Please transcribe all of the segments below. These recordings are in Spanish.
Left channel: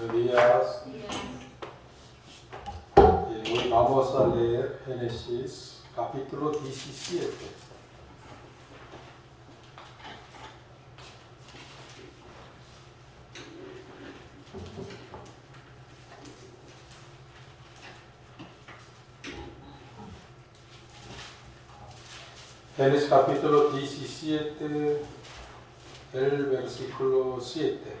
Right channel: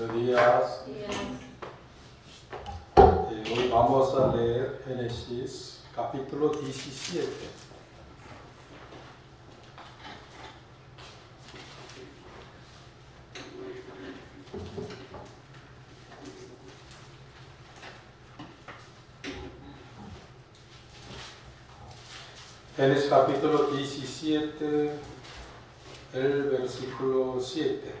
Buenos días. Hoy vamos a leer Génesis capítulo 17. Génesis capítulo 17, el versículo 7.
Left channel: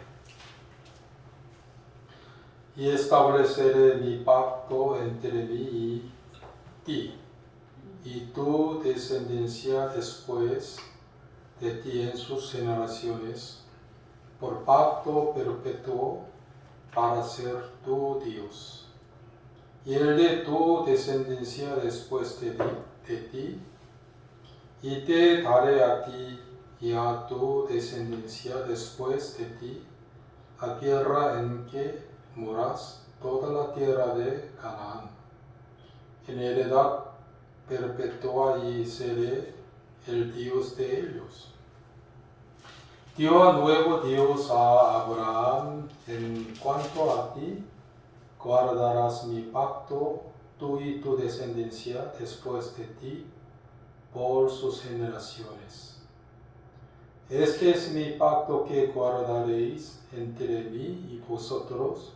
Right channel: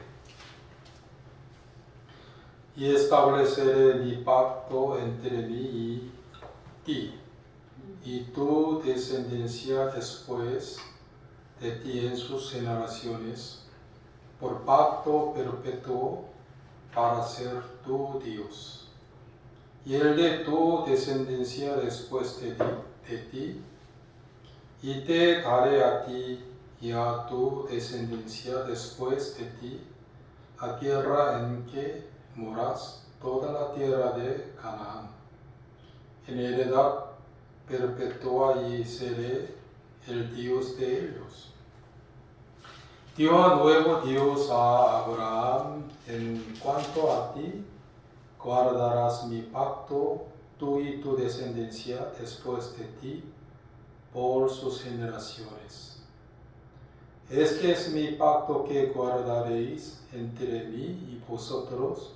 Y estableceré mi pacto entre mí y ti, y tu descendencia después de ti en sus generaciones, por pacto perpetuo para ser tu Dios. Y el de tu descendencia después de ti, y te daré a ti y a tu descendencia después de ti la tierra en que moras, toda la tierra de Canaán, en heredad perpetua, y seré el Dios de ellos. Dio luego Dios a Abraham: en cuanto a ti, guardarás mi pacto, tú y tu descendencia después de ti, por sus generaciones. Este es mi pacto que guardaréis entre mí y vosotros,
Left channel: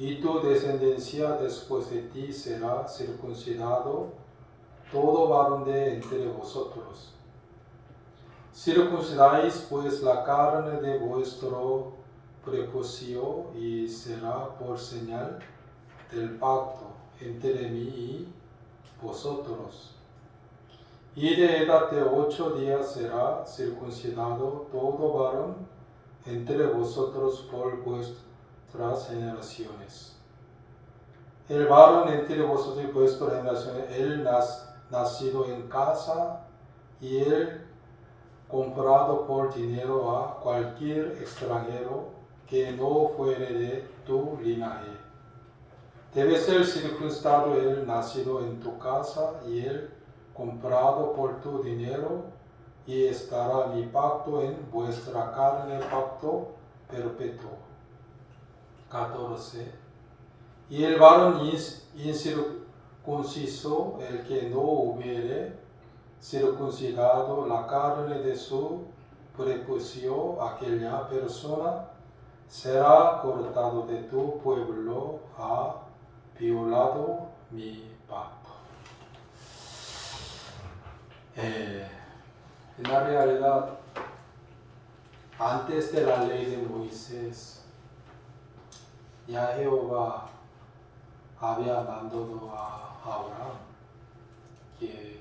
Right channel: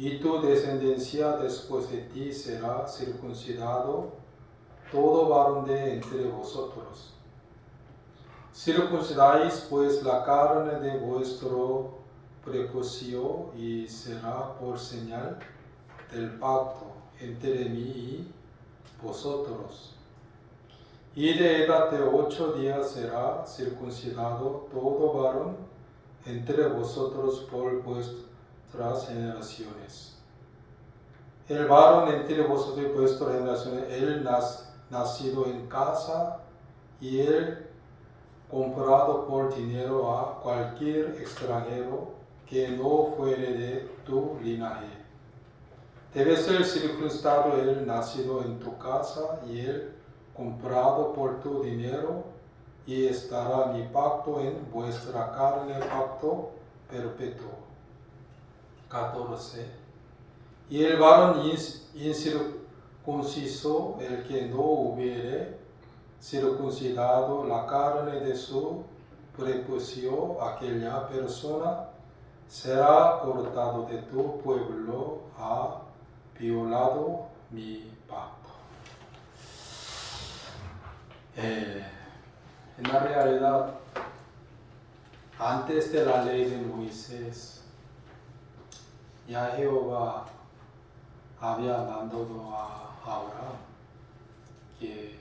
y tu descendencia después de ti será circuncidado todo varón de entre vosotros. Circuncidáis pues la carne de vuestro prepucio, y será por señal del pacto entre mí y vosotros. Y de edad de 8 días será circuncidado todo varón entre vosotros por vuestras generaciones. El varón entre vosotros y vuestras generaciones, el nacido en casa y el comprado por dinero a cualquier extranjero que no fuere de tu linaje. Debe ser circuncidado el nacido en tu casa y el comprado por tu dinero, y estará mi pacto en vuestra carne, pacto perpetuo. 14. Y el varón incircunciso, el que no hubiere circuncidado la carne de su prepucio, aquella persona será cortado de tu pueblo, ha violado mi pacto. En la realidad, antes de la ley de Moisés, ya Jehová había mandado a Abraham que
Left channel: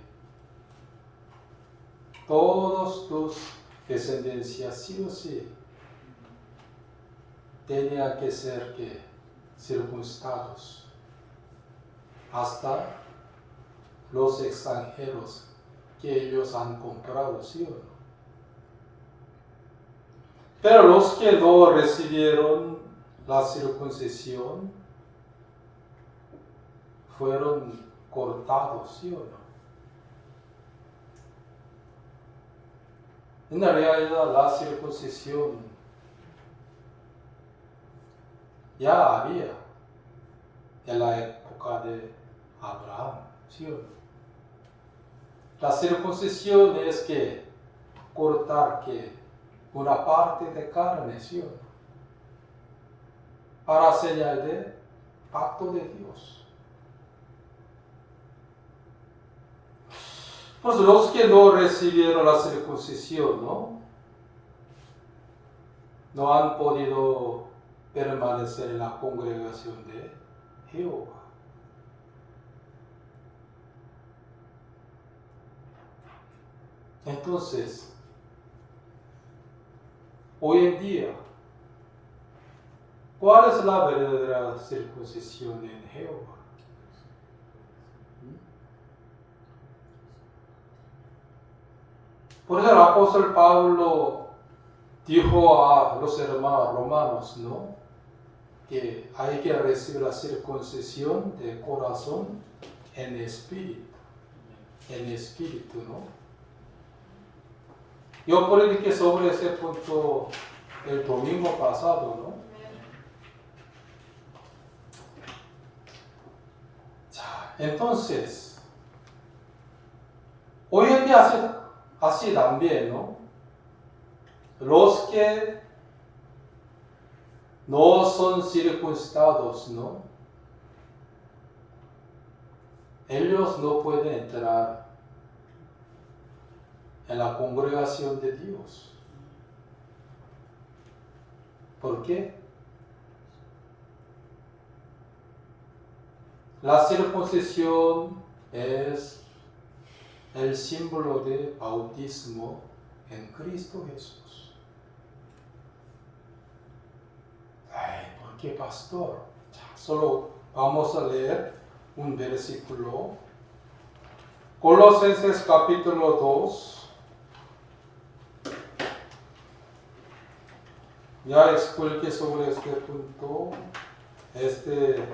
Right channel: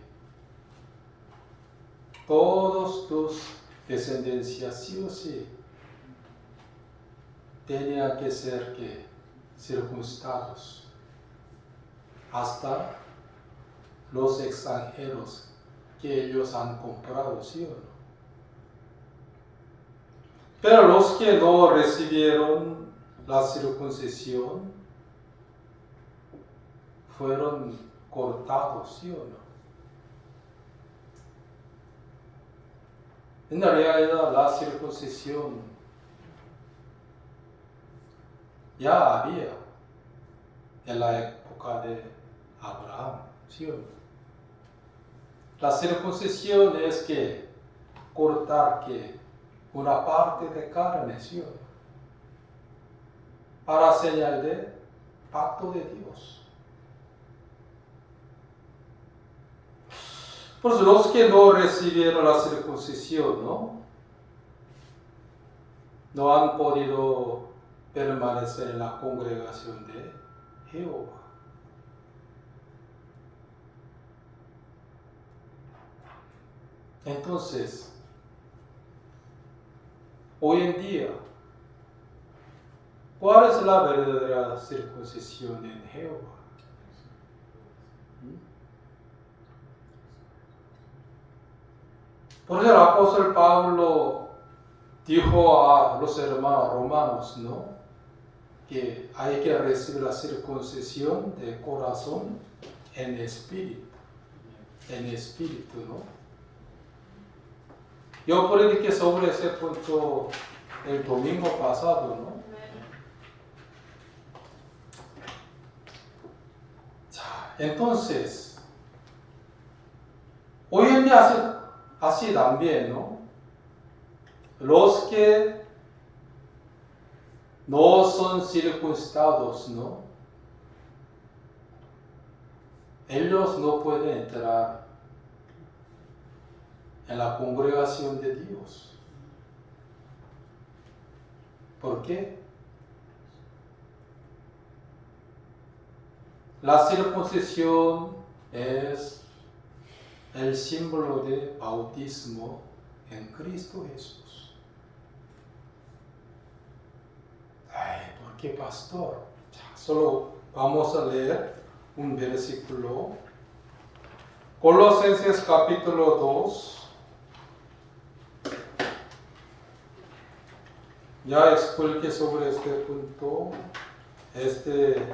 todos tus descendencias sí o sí tenían que ser circuncidados, hasta los extranjeros que ellos han comprado, ¿sí o no? Pero los que no recibieron la circuncisión fueron cortados, ¿sí o no? En realidad, la circuncisión ya había en la época de Abraham, ¿sí o no? La circuncisión es que cortar una parte de carne, ¿sí o no? Para señal de pacto de Dios. Pues los que no recibieron la circuncisión, no han podido permanecer en la congregación de Jehová. Entonces, hoy en día, ¿cuál es la verdadera circuncisión en Jehová? Por eso el apóstol Pablo dijo a los hermanos romanos, que hay que recibir la circuncisión de corazón en espíritu, Yo prediqué sobre ese punto el domingo pasado, Entonces, hoy en día así también, ¿no? Los que no son circuncidados, ¿no? Ellos no pueden entrar en la congregación de Dios. ¿Por qué? La circuncisión es el símbolo de bautismo en Cristo Jesús. Ay, ¿por qué, pastor? Solo vamos a leer un versículo. Colosenses capítulo 2. Ya expliqué sobre este punto este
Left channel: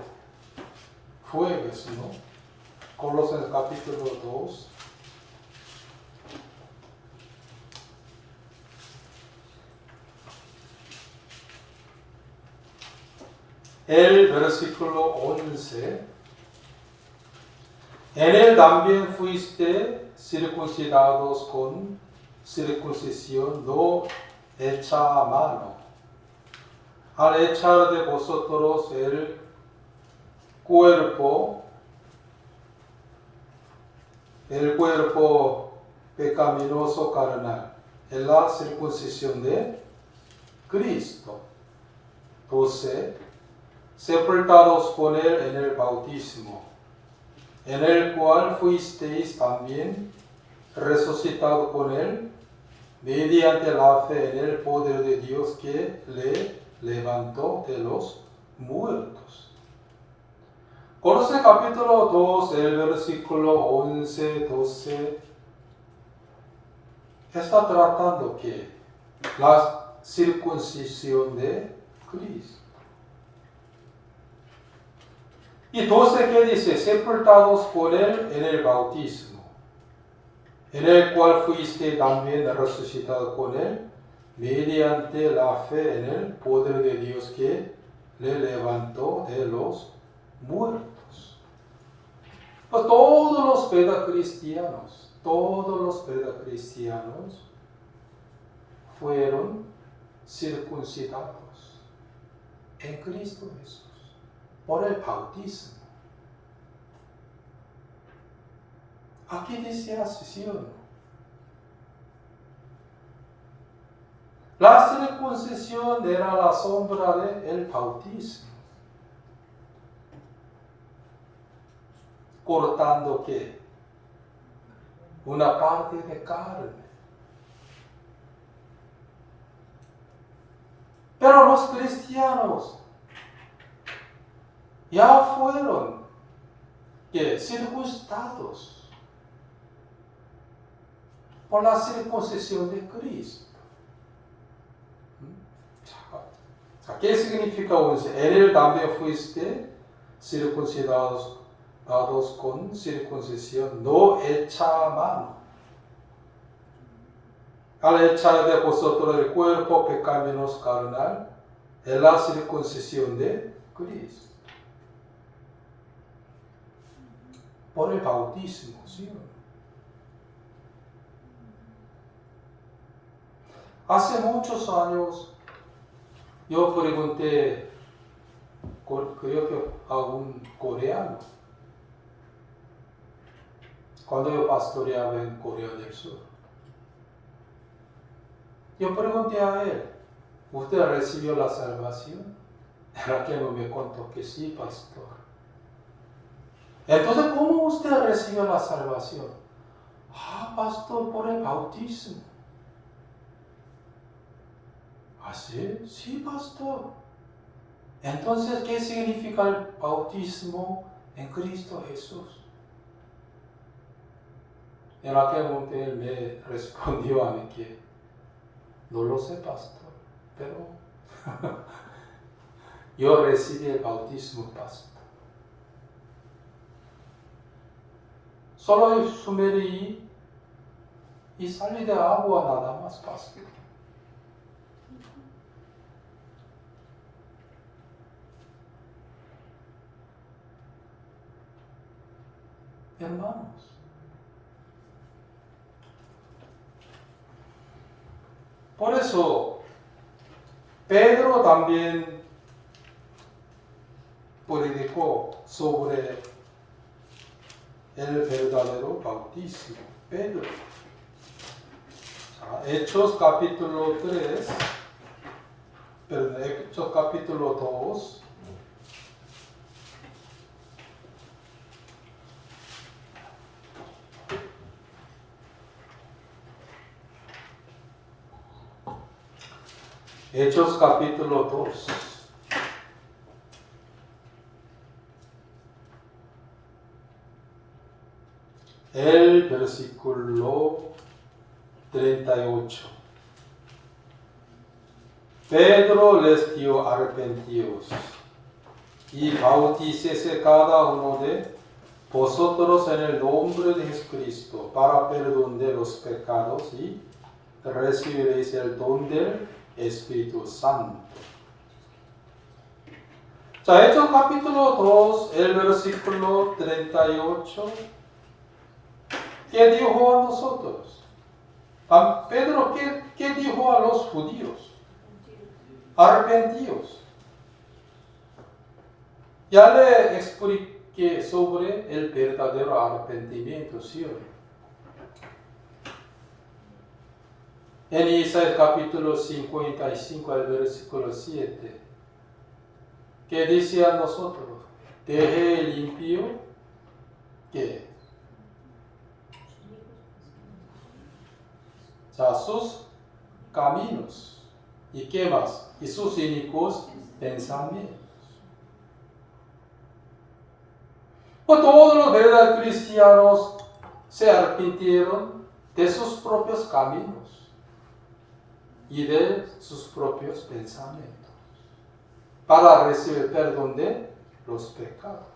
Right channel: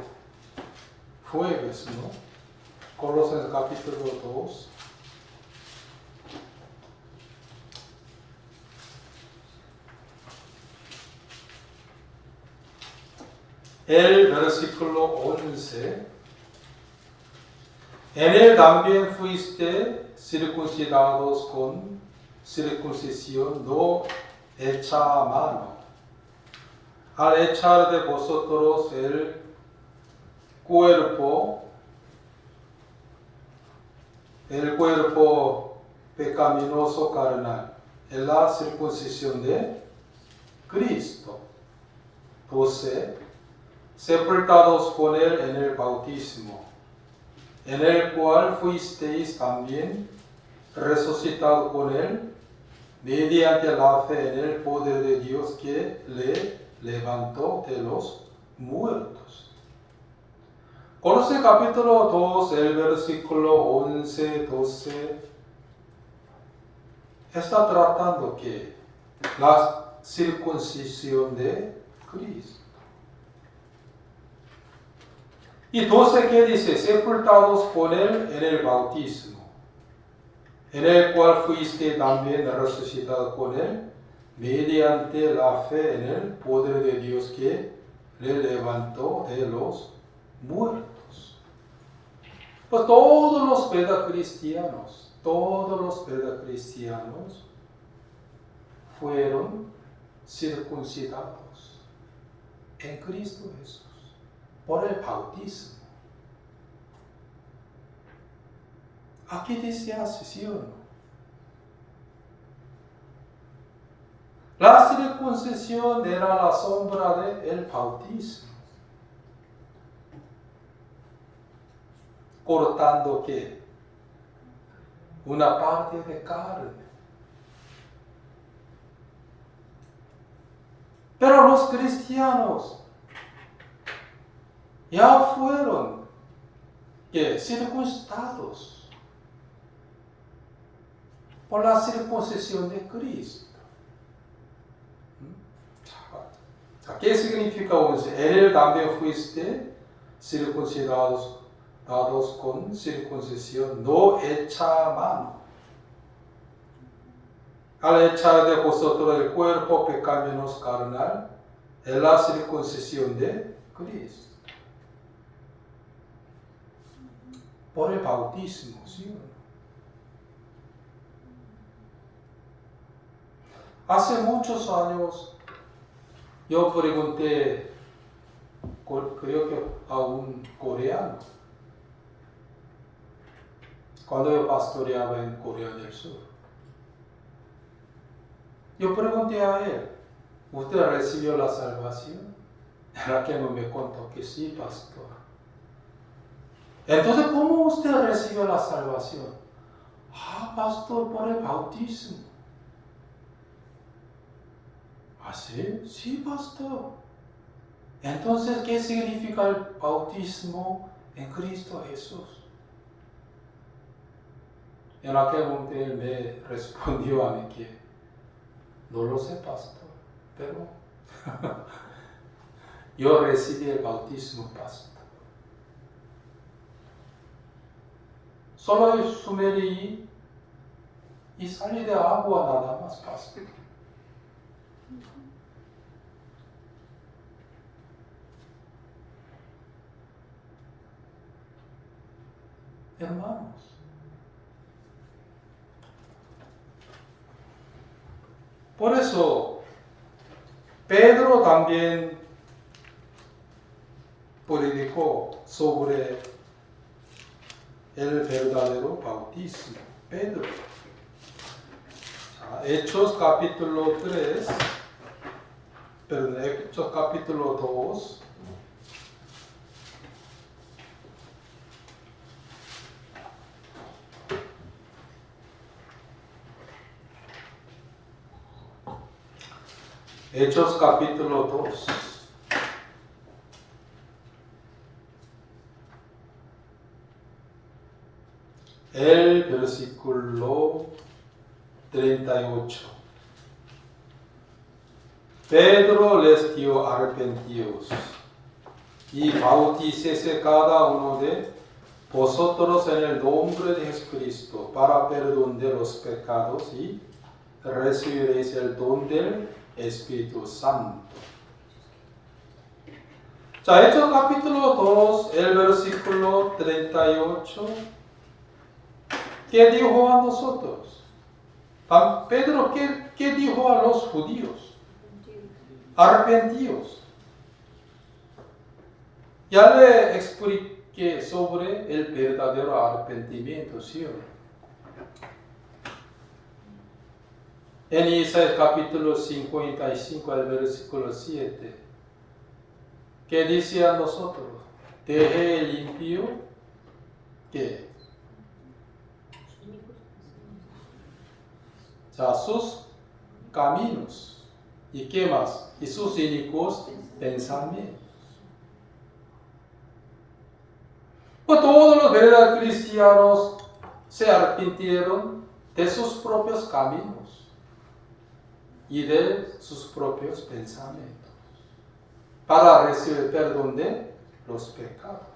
jueves, ¿no? Colosenses capítulo 2. El versículo 11. En él también fuiste circuncidados con circuncisión no hecha a mano, al echar de vosotros el cuerpo pecaminoso carnal, en la circuncisión de Cristo. 12. Sepultados con él en el bautismo, en el cual fuisteis también resucitado con él, mediante la fe en el poder de Dios que le levantó de los muertos. Colosenses capítulo 2, el versículo 11, 12, está tratando que la circuncisión de Cristo. Y 12 que dice, sepultados con él en el bautismo, en el cual fuiste también resucitado con él, mediante la fe en el poder de Dios que le levantó de los muertos. Pues todos los pedacristianos fueron circuncidados en Cristo Jesús por el bautismo. Aquí dice así, ¿sí o no? La circuncisión era la sombra del bautismo. Cortando ¿qué? Una parte de carne. Pero los cristianos ya fueron circuncidados por la circuncisión de Cristo. ¿Qué significa 11? En él también fuiste circuncidados con circuncisión no hecha a mano, al echar de vosotros el cuerpo pecaminoso carnal, en la circuncisión de Cristo. Por el bautismo, ¿sí? Hace muchos años yo pregunté, creo que a un coreano, cuando yo pastoreaba en Corea del Sur. Yo pregunté a él, ¿usted recibió la salvación? En aquel momento me contó que sí, pastor. Entonces, ¿cómo usted recibió la salvación? Pastor, por el bautismo. ¿Ah, sí? Sí, pastor. Entonces, ¿qué significa el bautismo en Cristo Jesús? En aquel momento él me respondió a mí que no lo sé, pastor, pero yo recibí el bautismo, pastor. Solo sumergí y salí de agua nada más, pastor. hermanos. Por eso Pedro también predicó sobre el verdadero bautismo. Pedro. Hechos capítulo 3, perdón, Hechos capítulo 2. Hechos capítulo 2. El versículo 38. Pedro les dio arrepentidos y bautícese cada uno de vosotros en el nombre de Jesucristo para perdón de los pecados y recibiréis el don del Espíritu Santo. 자, Hechos capítulo 2, el versículo 38. ¿Qué dijo a nosotros? Pedro, ¿qué dijo a los judíos? Arrepentidos. Ya le expliqué sobre el verdadero arrepentimiento, ¿sí o no? En Isaías capítulo 55, el versículo 7, ¿qué dice a nosotros? Deje el impío, ¿qué? Sus caminos. ¿Y qué más? Y sus inicuos pensamientos. Pues todos los verdaderos cristianos se arrepintieron de sus propios caminos y de sus propios pensamientos para recibir perdón de los pecados.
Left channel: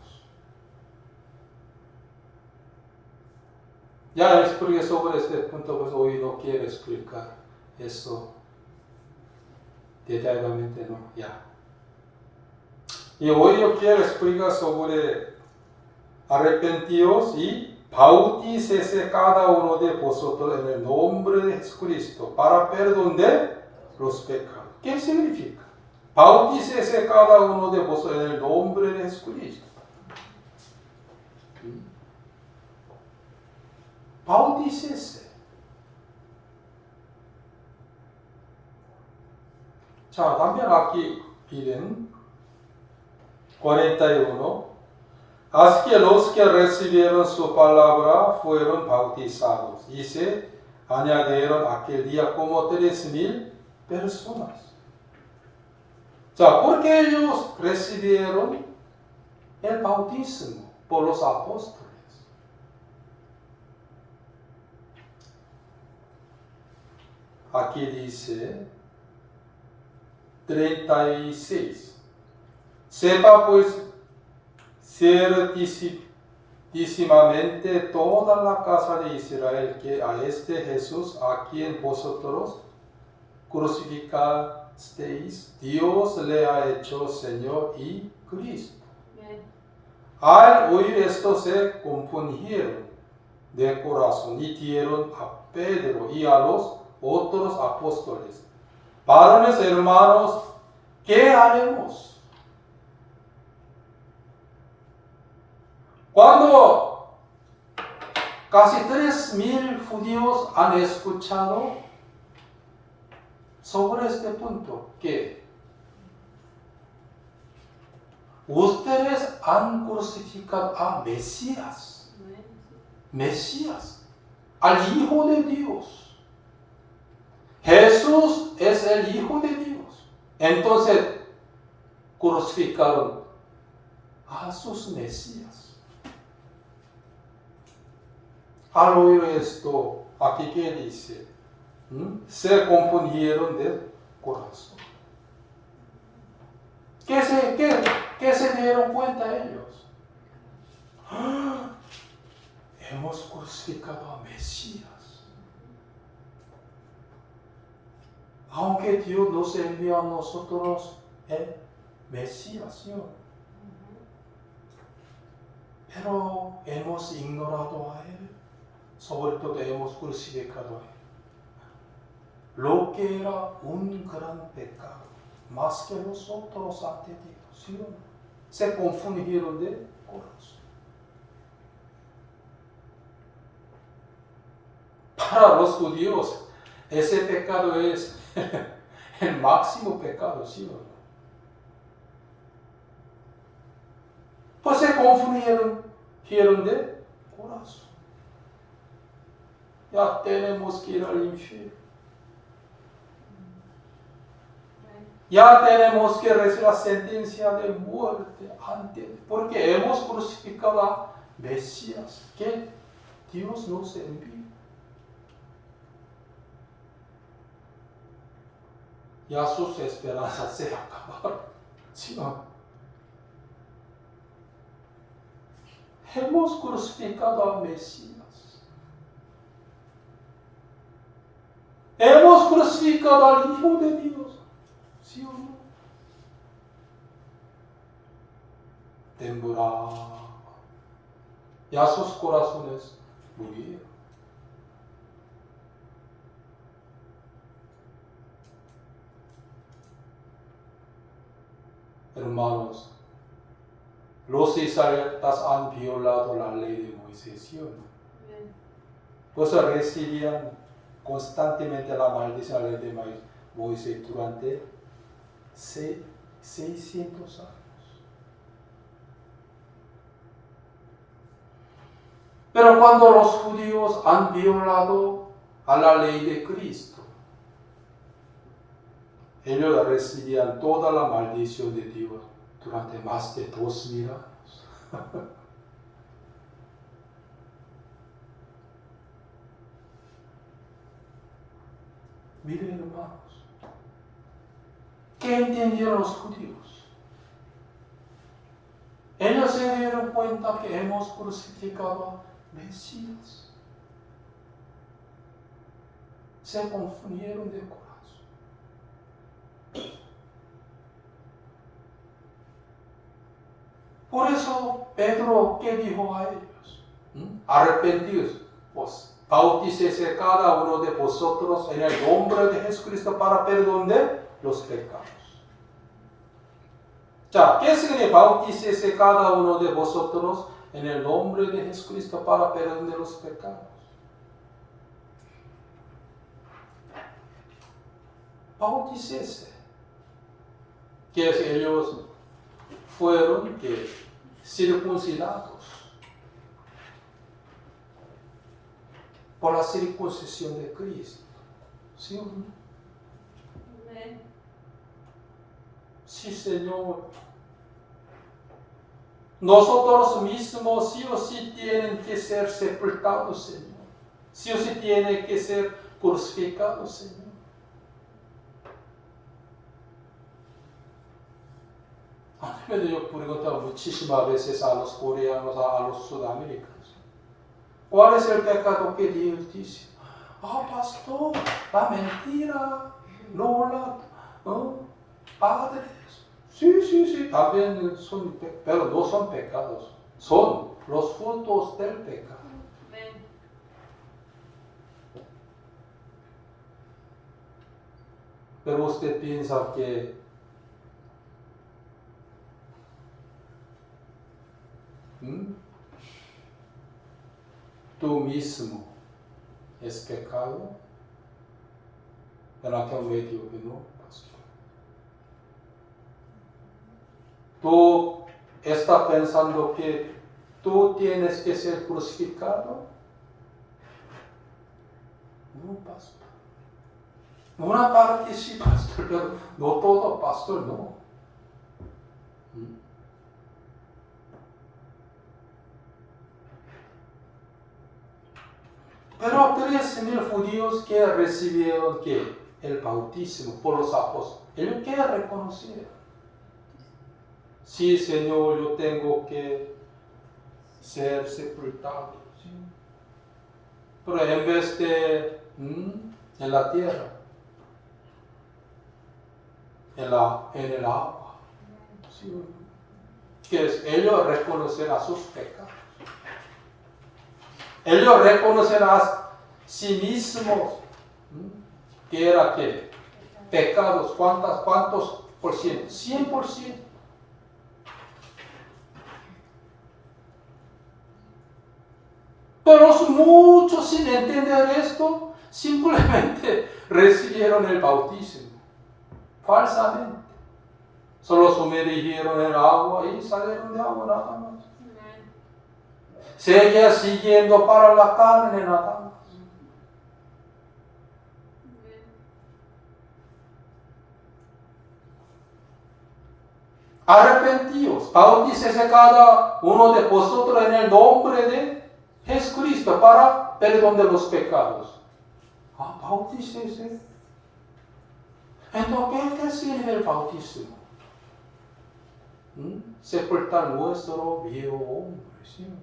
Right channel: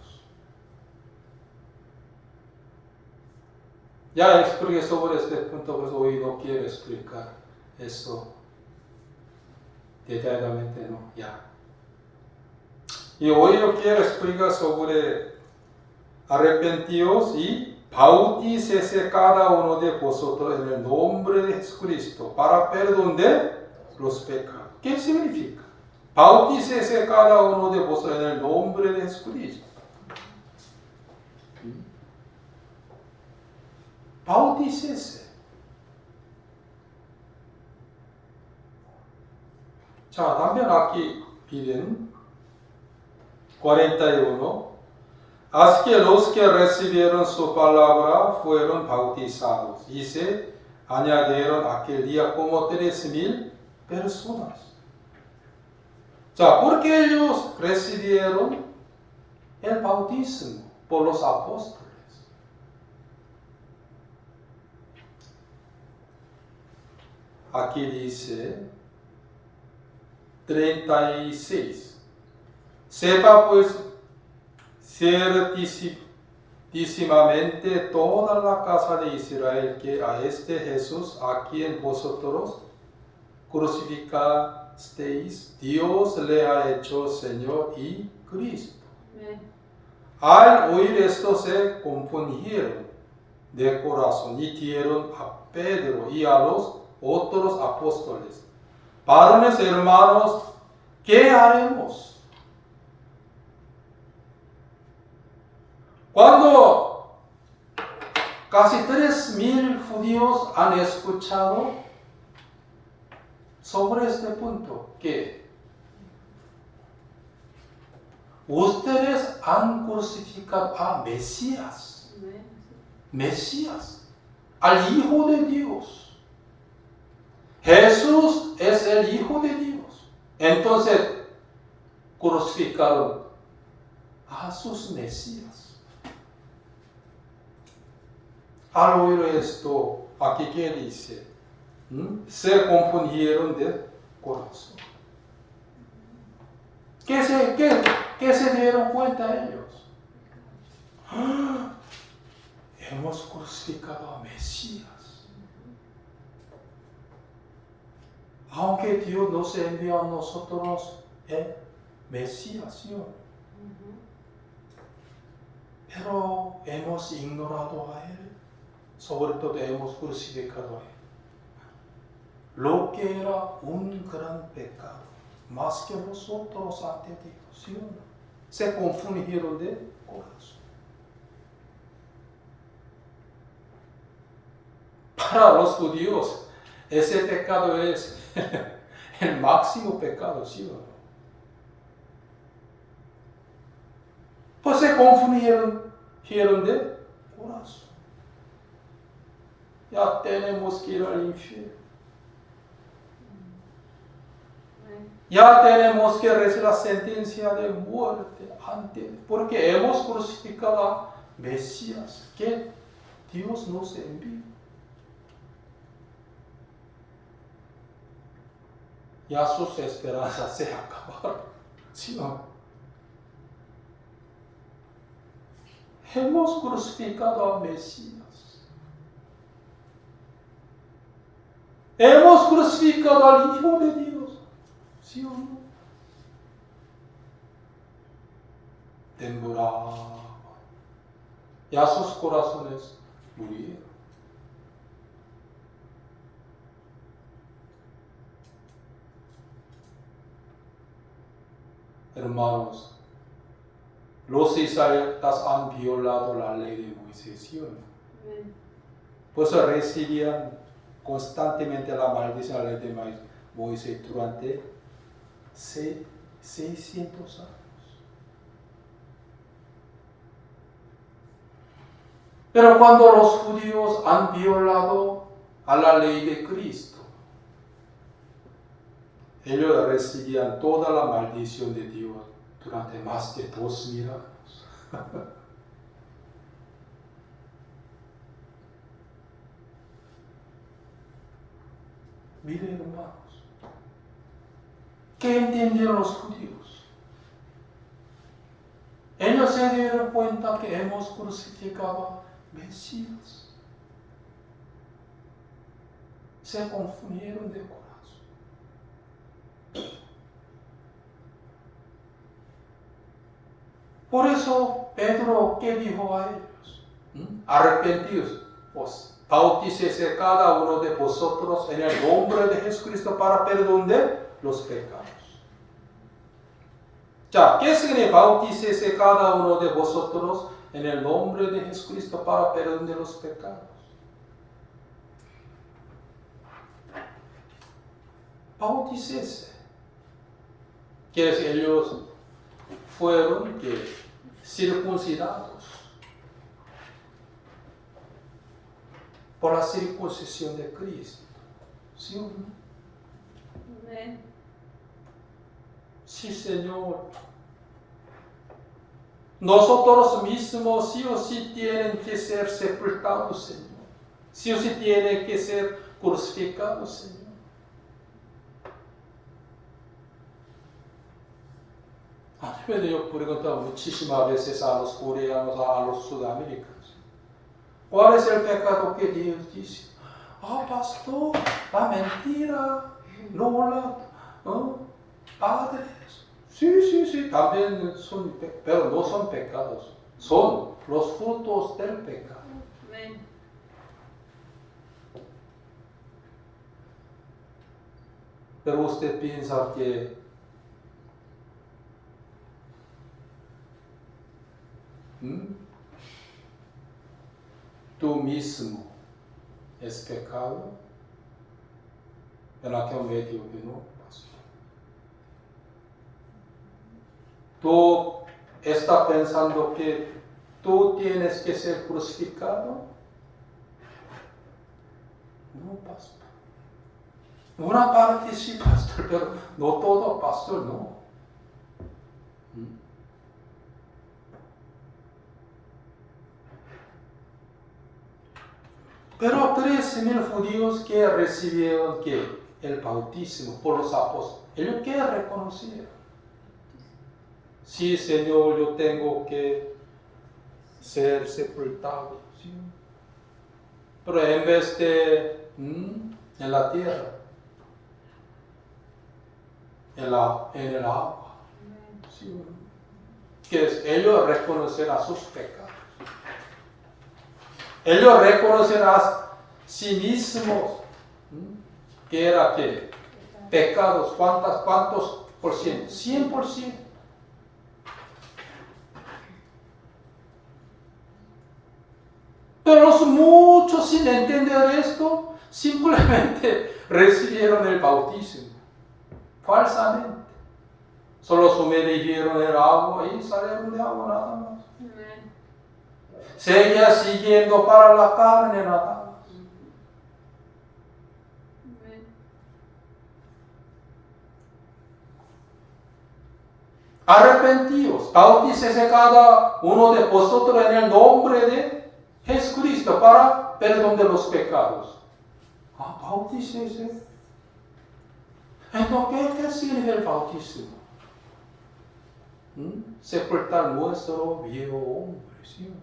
Ya expliqué sobre este punto, pues hoy no quiero explicar eso detalladamente, no, ya. Y hoy yo quiero explicar sobre arrepentidos y bautícese cada uno de vosotros en el nombre de Jesucristo para perdón de los pecados. ¿Qué significa? Bautícese cada uno de vosotros en el nombre de Jesucristo. Bautícese. 자, también aquí piden 41. Así que los que recibieron su palabra fueron bautizados y se añadieron aquel día como 3,000 personas. ¿Por qué ellos recibieron el bautismo por los apóstoles? Aquí dice 36. Sepa pues ciertísimamente toda la casa de Israel que a este Jesús, a quien vosotros crucificasteis, Dios le ha hecho Señor y Cristo. Al oír esto se compungieron de corazón y dieron a Pedro y a los otros apóstoles: varones hermanos, ¿qué haremos? Cuando casi 3,000 judíos han escuchado sobre este punto, que ustedes han crucificado a Mesías, al Hijo de Dios. Jesús es el Hijo de Dios. Entonces crucificaron a sus Mesías. Al oír esto, aquí que dice, se confundieron de corazón. ¿Qué se dieron cuenta ellos? Hemos crucificado a Mesías. Aunque Dios nos envió a nosotros el Mesías, ¿sí? pero hemos ignorado a Él, sobre todo hemos crucificado a Él. Lo que era un gran pecado, más que nosotros ante Dios, ¿sí o no? Se confundieron de corazón. Para los judíos, ese pecado es el máximo pecado, ¿sí o no? Pues se confundieron de corazón. Ya tenemos que ir al infierno. Ya tenemos que recibir la sentencia de muerte antes, porque hemos crucificado a Mesías, que Dios nos envió. Ya sus esperanzas se acabaron, ¿sí o no? Hemos crucificado a Mesías. Hemos crucificado al Hijo de Dios, ¿sí o no? Temblaba. Ya sus corazones murieron. Hermanos, los israelitas han violado la ley de Moisés, ¿sí o no? Pues recibían constantemente la maldición de la ley de Moisés durante 600 años. Pero cuando los judíos han violado a la ley de Cristo, ellos recibían toda la maldición de Dios durante más de 2000 años. Miren, hermanos, ¿qué entendieron los judíos? Ellos se dieron cuenta que hemos crucificado a Mesías. Se confundieron de corazón. Por eso Pedro, ¿qué dijo a ellos? Arrepentidos, pues bautícese cada uno de vosotros en el nombre de Jesucristo para perdón de los pecados. 자, ¿qué significa bautícese cada uno de vosotros en el nombre de Jesucristo para perdón de los pecados? Bautícese. Quiere decir, ellos fueron circuncidados por la circuncisión de Cristo. ¿Sí o no? Amén. Sí, Señor. Nosotros mismos sí o sí tienen que ser sepultados, Señor. Sí o sí tienen que ser crucificados, Señor. Yo preguntaba muchísimas veces a los coreanos, a los sudamericanos, ¿cuál es el pecado que Dios dice? Pastor, la mentira, padres. Sí, también son, pero no son pecados, son los frutos del pecado. Amén. Pero usted piensa que tú mismo es pecado, pero aquel medio que no, pastor. Tú estás pensando que tú tienes que ser crucificado. No, pastor. Una parte sí, pastor, pero no todo, pastor, no. Pero 3,000 judíos que recibieron el bautismo por los apóstoles, ellos que reconocieron. Sí, Señor, yo tengo que ser sepultado. ¿Sí? Pero en vez de en la tierra, en el agua. ¿Sí? Que es ellos reconocer a sus pecados. ellos reconocen a sí mismos que era que pecados, ¿cuántos por ciento? 100%. Pero muchos sin entender esto, simplemente recibieron el bautismo, falsamente. Solo sumergieron el agua y salieron de agua nada más. Seguía siguiendo para la carne nada más. Arrepentíos, bautícese cada uno de vosotros en el nombre de Jesucristo para perdón de los pecados. Bautícese. Entonces, ¿qué sirve el bautismo? Sepultar nuestro viejo hombre, ¿sí?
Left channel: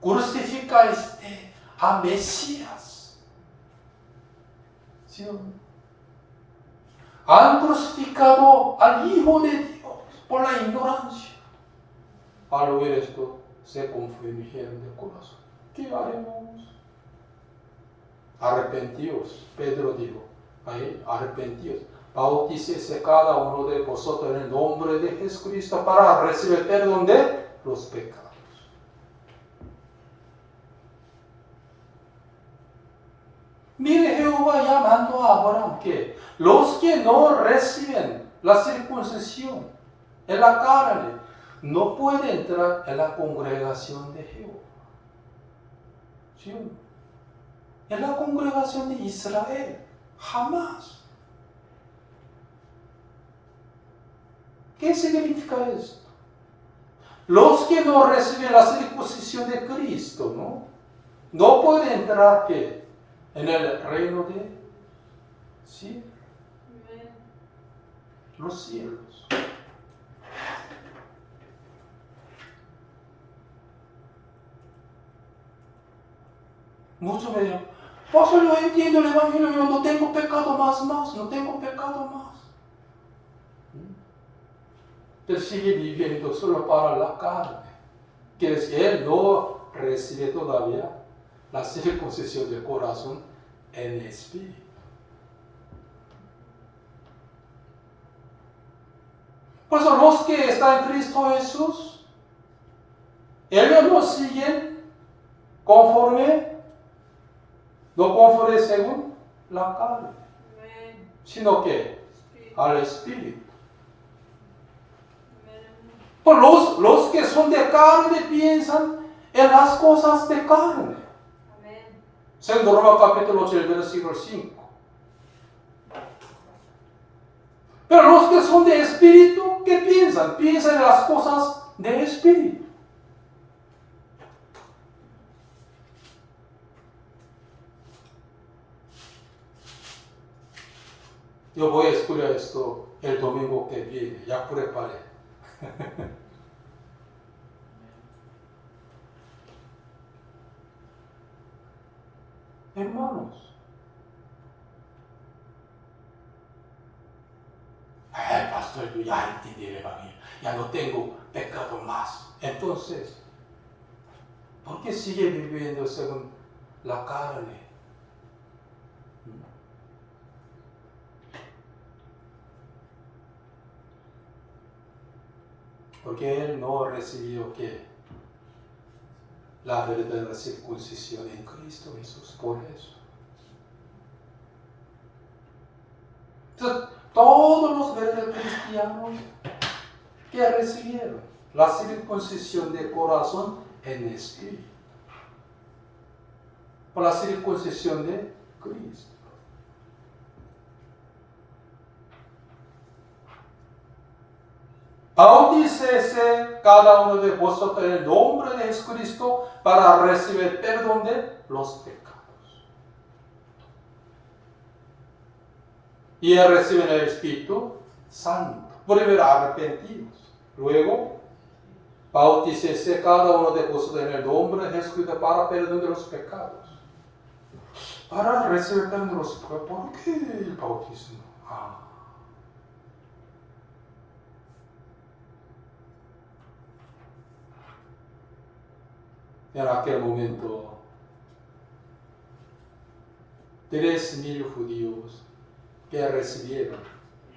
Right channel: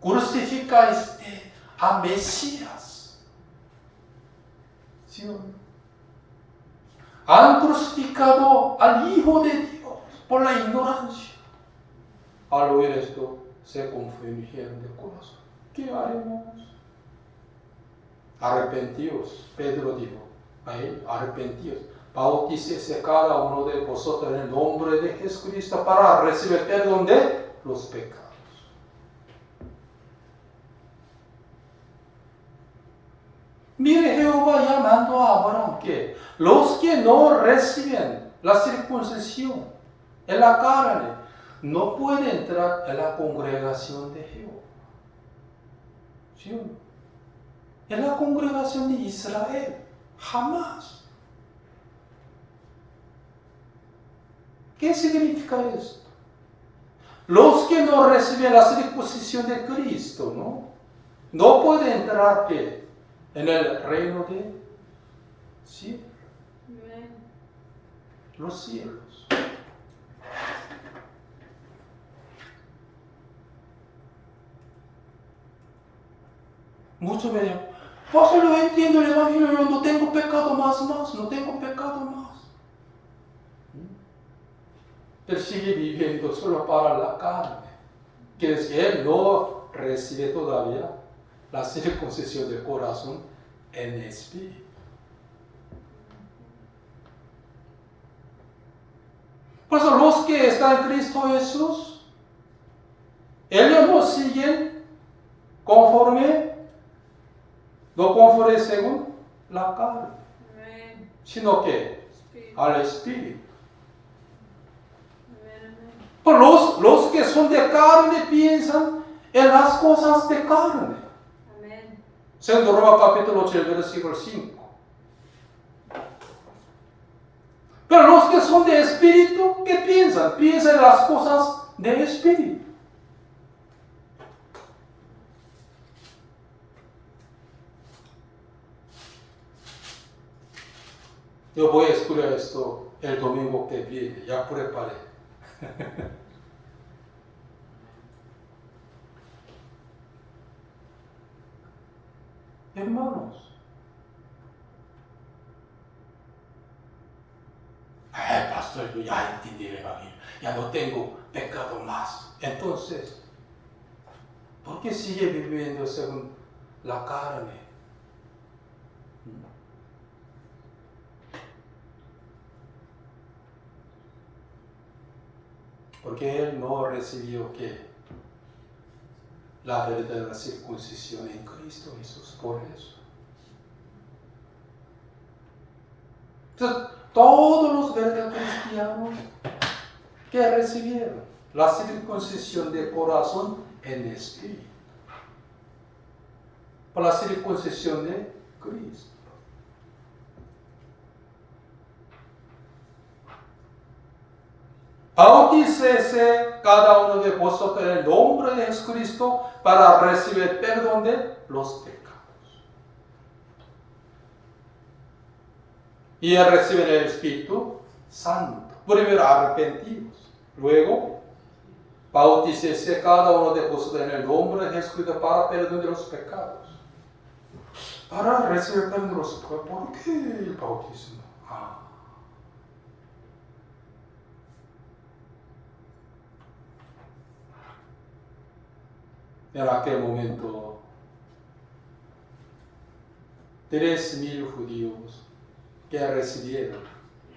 Crucificáis a Mesías. ¿Sí? Han crucificado al Hijo de Dios por la ignorancia. Al oír esto, se confundieron de corazón. ¿Qué haremos? Arrepentíos, Pedro dijo, ahí, arrepentíos. Bautícese cada uno de vosotros en el nombre de Jesucristo para recibir perdón de los pecados. Mire Jehová llamando a Abraham que los que no reciben la circuncisión en la carne no pueden entrar en la congregación de Jehová. ¿Sí? En la congregación de Israel, jamás. ¿Qué significa esto? Los que no reciben la circuncisión de Cristo, no pueden entrar ¿qué? En el reino de ¿sí? Los cielos. Muchos me dicen, pastor, yo entiendo el evangelio, yo no tengo pecado más, no tengo pecado más. Él sigue viviendo solo para la carne. Quiere decir que él no recibe todavía la circuncisión del corazón en espíritu. Por eso los que están en Cristo Jesús, ellos no siguen no conforme según la carne, sino que al espíritu. Por los que son de carne piensan en las cosas de carne. Segundo Roma capítulo 8, versículo 5. Pero los que son de espíritu, ¿qué piensan? Piensan en las cosas de espíritu. Yo voy a estudiar esto el domingo que viene, ya preparé. Hermanos, pastor, yo ya entendí el evangelio, ya no tengo pecado más. Entonces, ¿por qué sigue viviendo según la carne? Porque él no recibió ¿qué? La verdadera circuncisión en Cristo Jesús, por eso. Entonces, todos los verdaderos cristianos que recibieron la circuncisión de corazón en espíritu, por la circuncisión de Cristo. Bautícese cada uno de vosotros en el nombre de Jesucristo para recibir perdón de los pecados. Y reciben el Espíritu Santo. Primero arrepentidos. Luego, bautícese cada uno de vosotros en el nombre de Jesucristo para perdón de los pecados. Para recibir perdón de los pecados. ¿Por qué el bautismo? En aquel momento, 3,000 judíos que recibieron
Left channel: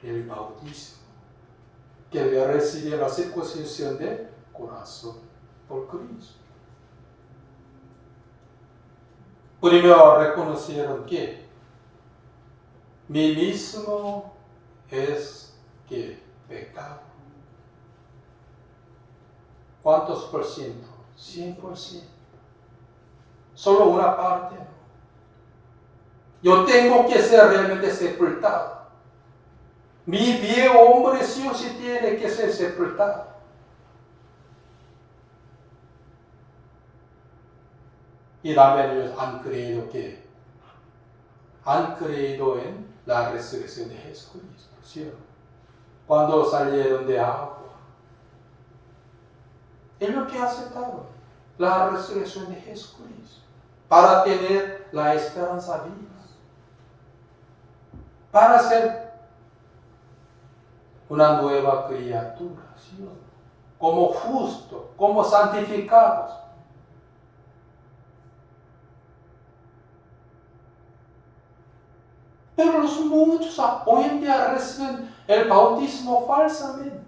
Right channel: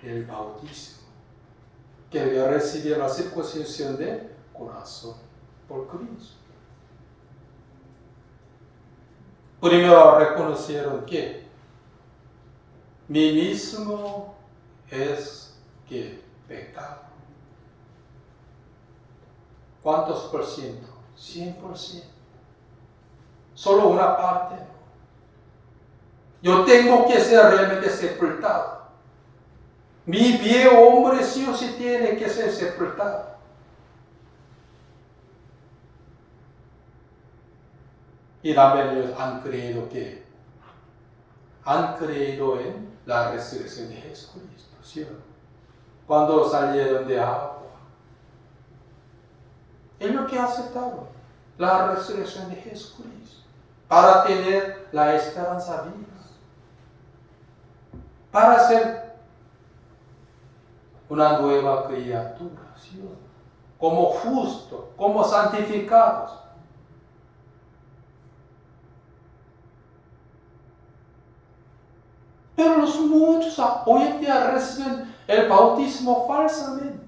el bautismo, que recibieron la circuncisión del corazón por Cristo. Primero reconocieron que mí mismo es que pecado. ¿Cuántos por ciento? 100%. Solo una parte. Yo tengo que ser realmente sepultado. Mi viejo hombre sí o sí tiene que ser sepultado. Y también ellos han creído en la resurrección de Jesucristo, ¿sí o no? Cuando salieron de agua, es lo que aceptaron, la resurrección de Jesucristo, para tener la esperanza viva, para ser una nueva criatura, ¿sí o no? Como justo, como santificados. Pero los muchos hoy en día reciben el bautismo falsamente.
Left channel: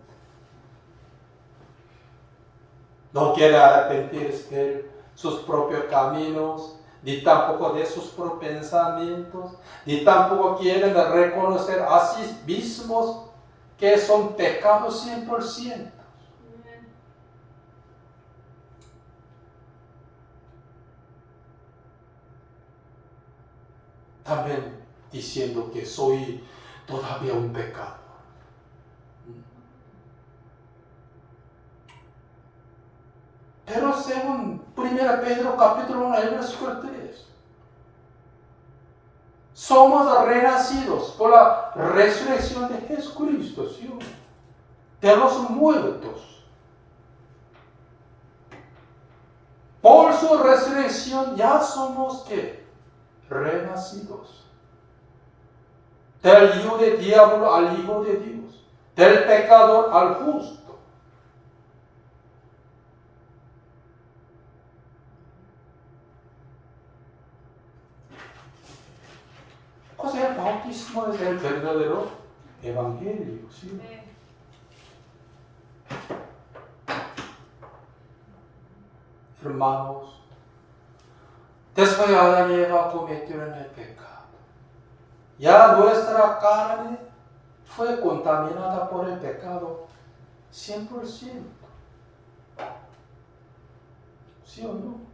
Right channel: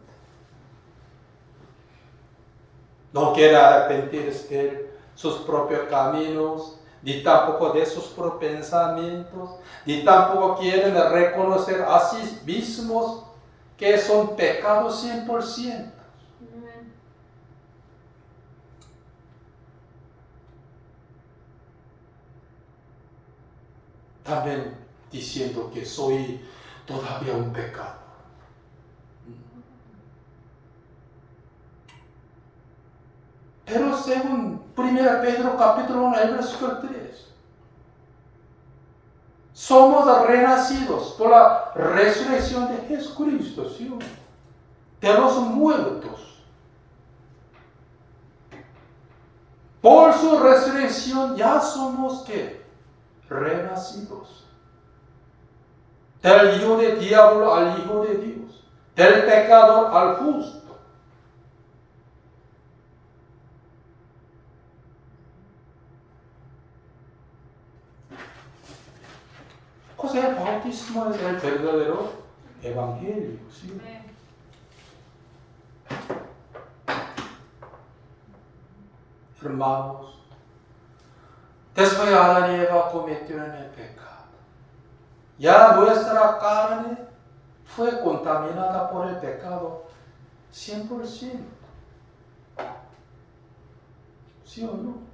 No quieren arrepentirse de sus propios caminos, ni tampoco de sus propios pensamientos, ni tampoco quieren reconocer a sí mismos que son pecados 100%. También diciendo que soy todavía un pecado. Pero según 1 Pedro capítulo 1, versículo 3, somos renacidos por la resurrección de Jesucristo, ¿sí? De los muertos. Por su resurrección ya somos ¿qué? Renacidos. Del hijo del diablo al hijo de Dios. Del pecador al justo. Pues el bautismo es el verdadero evangelio, ¿sí? Hermanos, después Adán y Eva cometieron el pecado. Ya nuestra carne fue contaminada por el pecado 100%. ¿Sí o no?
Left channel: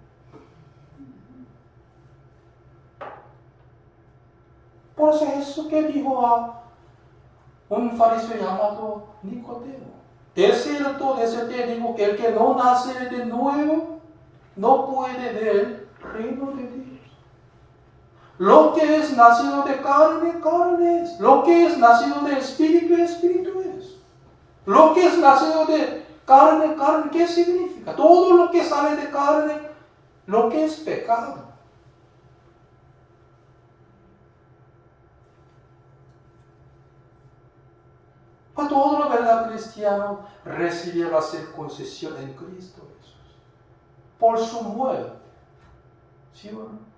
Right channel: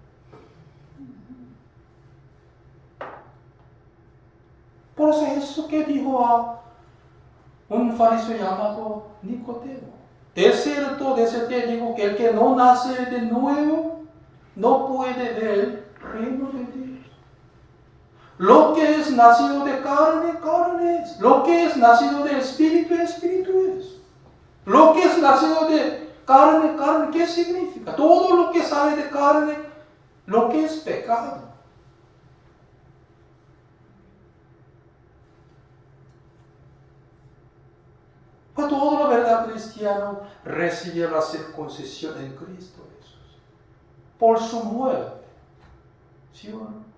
Por eso Jesús que dijo a un fariseo llamado Nicodemo: de cierto te digo que el que no nace de nuevo no puede ver el reino de Dios. Lo que es nacido de carne, carne es. Lo que es nacido de espíritu, espíritu es. Lo que es nacido de carne, carne, ¿qué significa? Todo lo que sale de carne, lo que es pecado. Para todo lo verdad cristiano recibe la circuncisión en Cristo Jesús. Por su muerte. ¿Sí o no?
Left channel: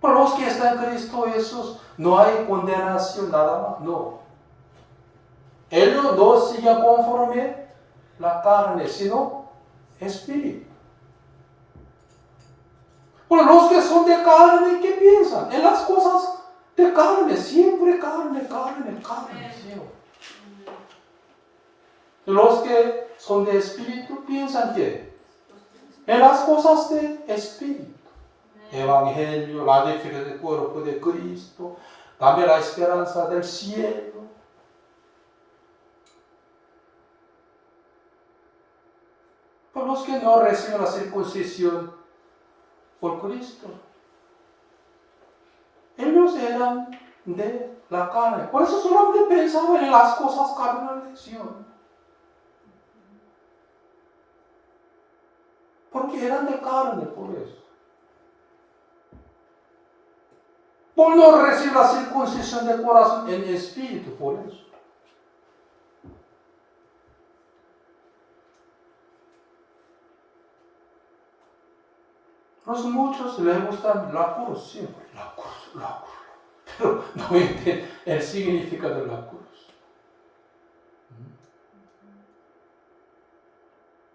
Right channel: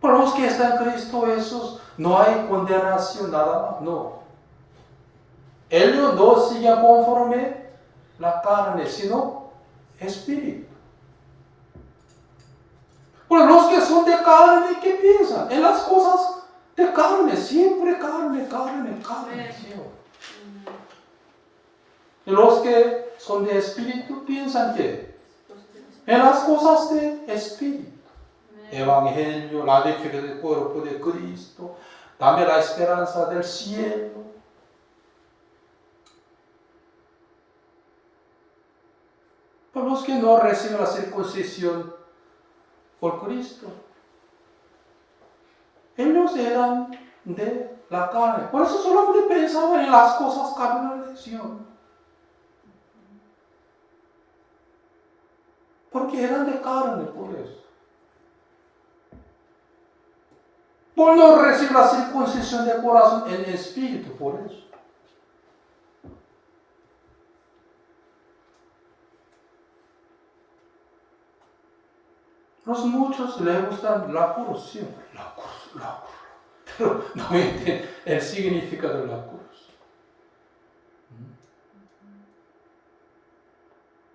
Para los que están en Cristo Jesús no hay condenación nada más, no. Ellos no siguen conforme la carne, sino espíritu. Pero los que son de carne, ¿qué piensan? En las cosas de carne, siempre carne, carne, carne. ¿Sí? Y los que son de espíritu piensan que en las cosas de espíritu. Evangelio, la defensa del cuerpo de Cristo, también la esperanza del cielo. Para los que no reciben la circuncisión por Cristo, ellos eran de la carne. Por eso solamente pensaban en las cosas carnales, ¿sí? Porque eran de carne, por eso. por no recibir la circuncisión del corazón en el espíritu, por eso. Los muchos les gusta la cruz siempre, la cruz, pero no entienden el significado de la cruz.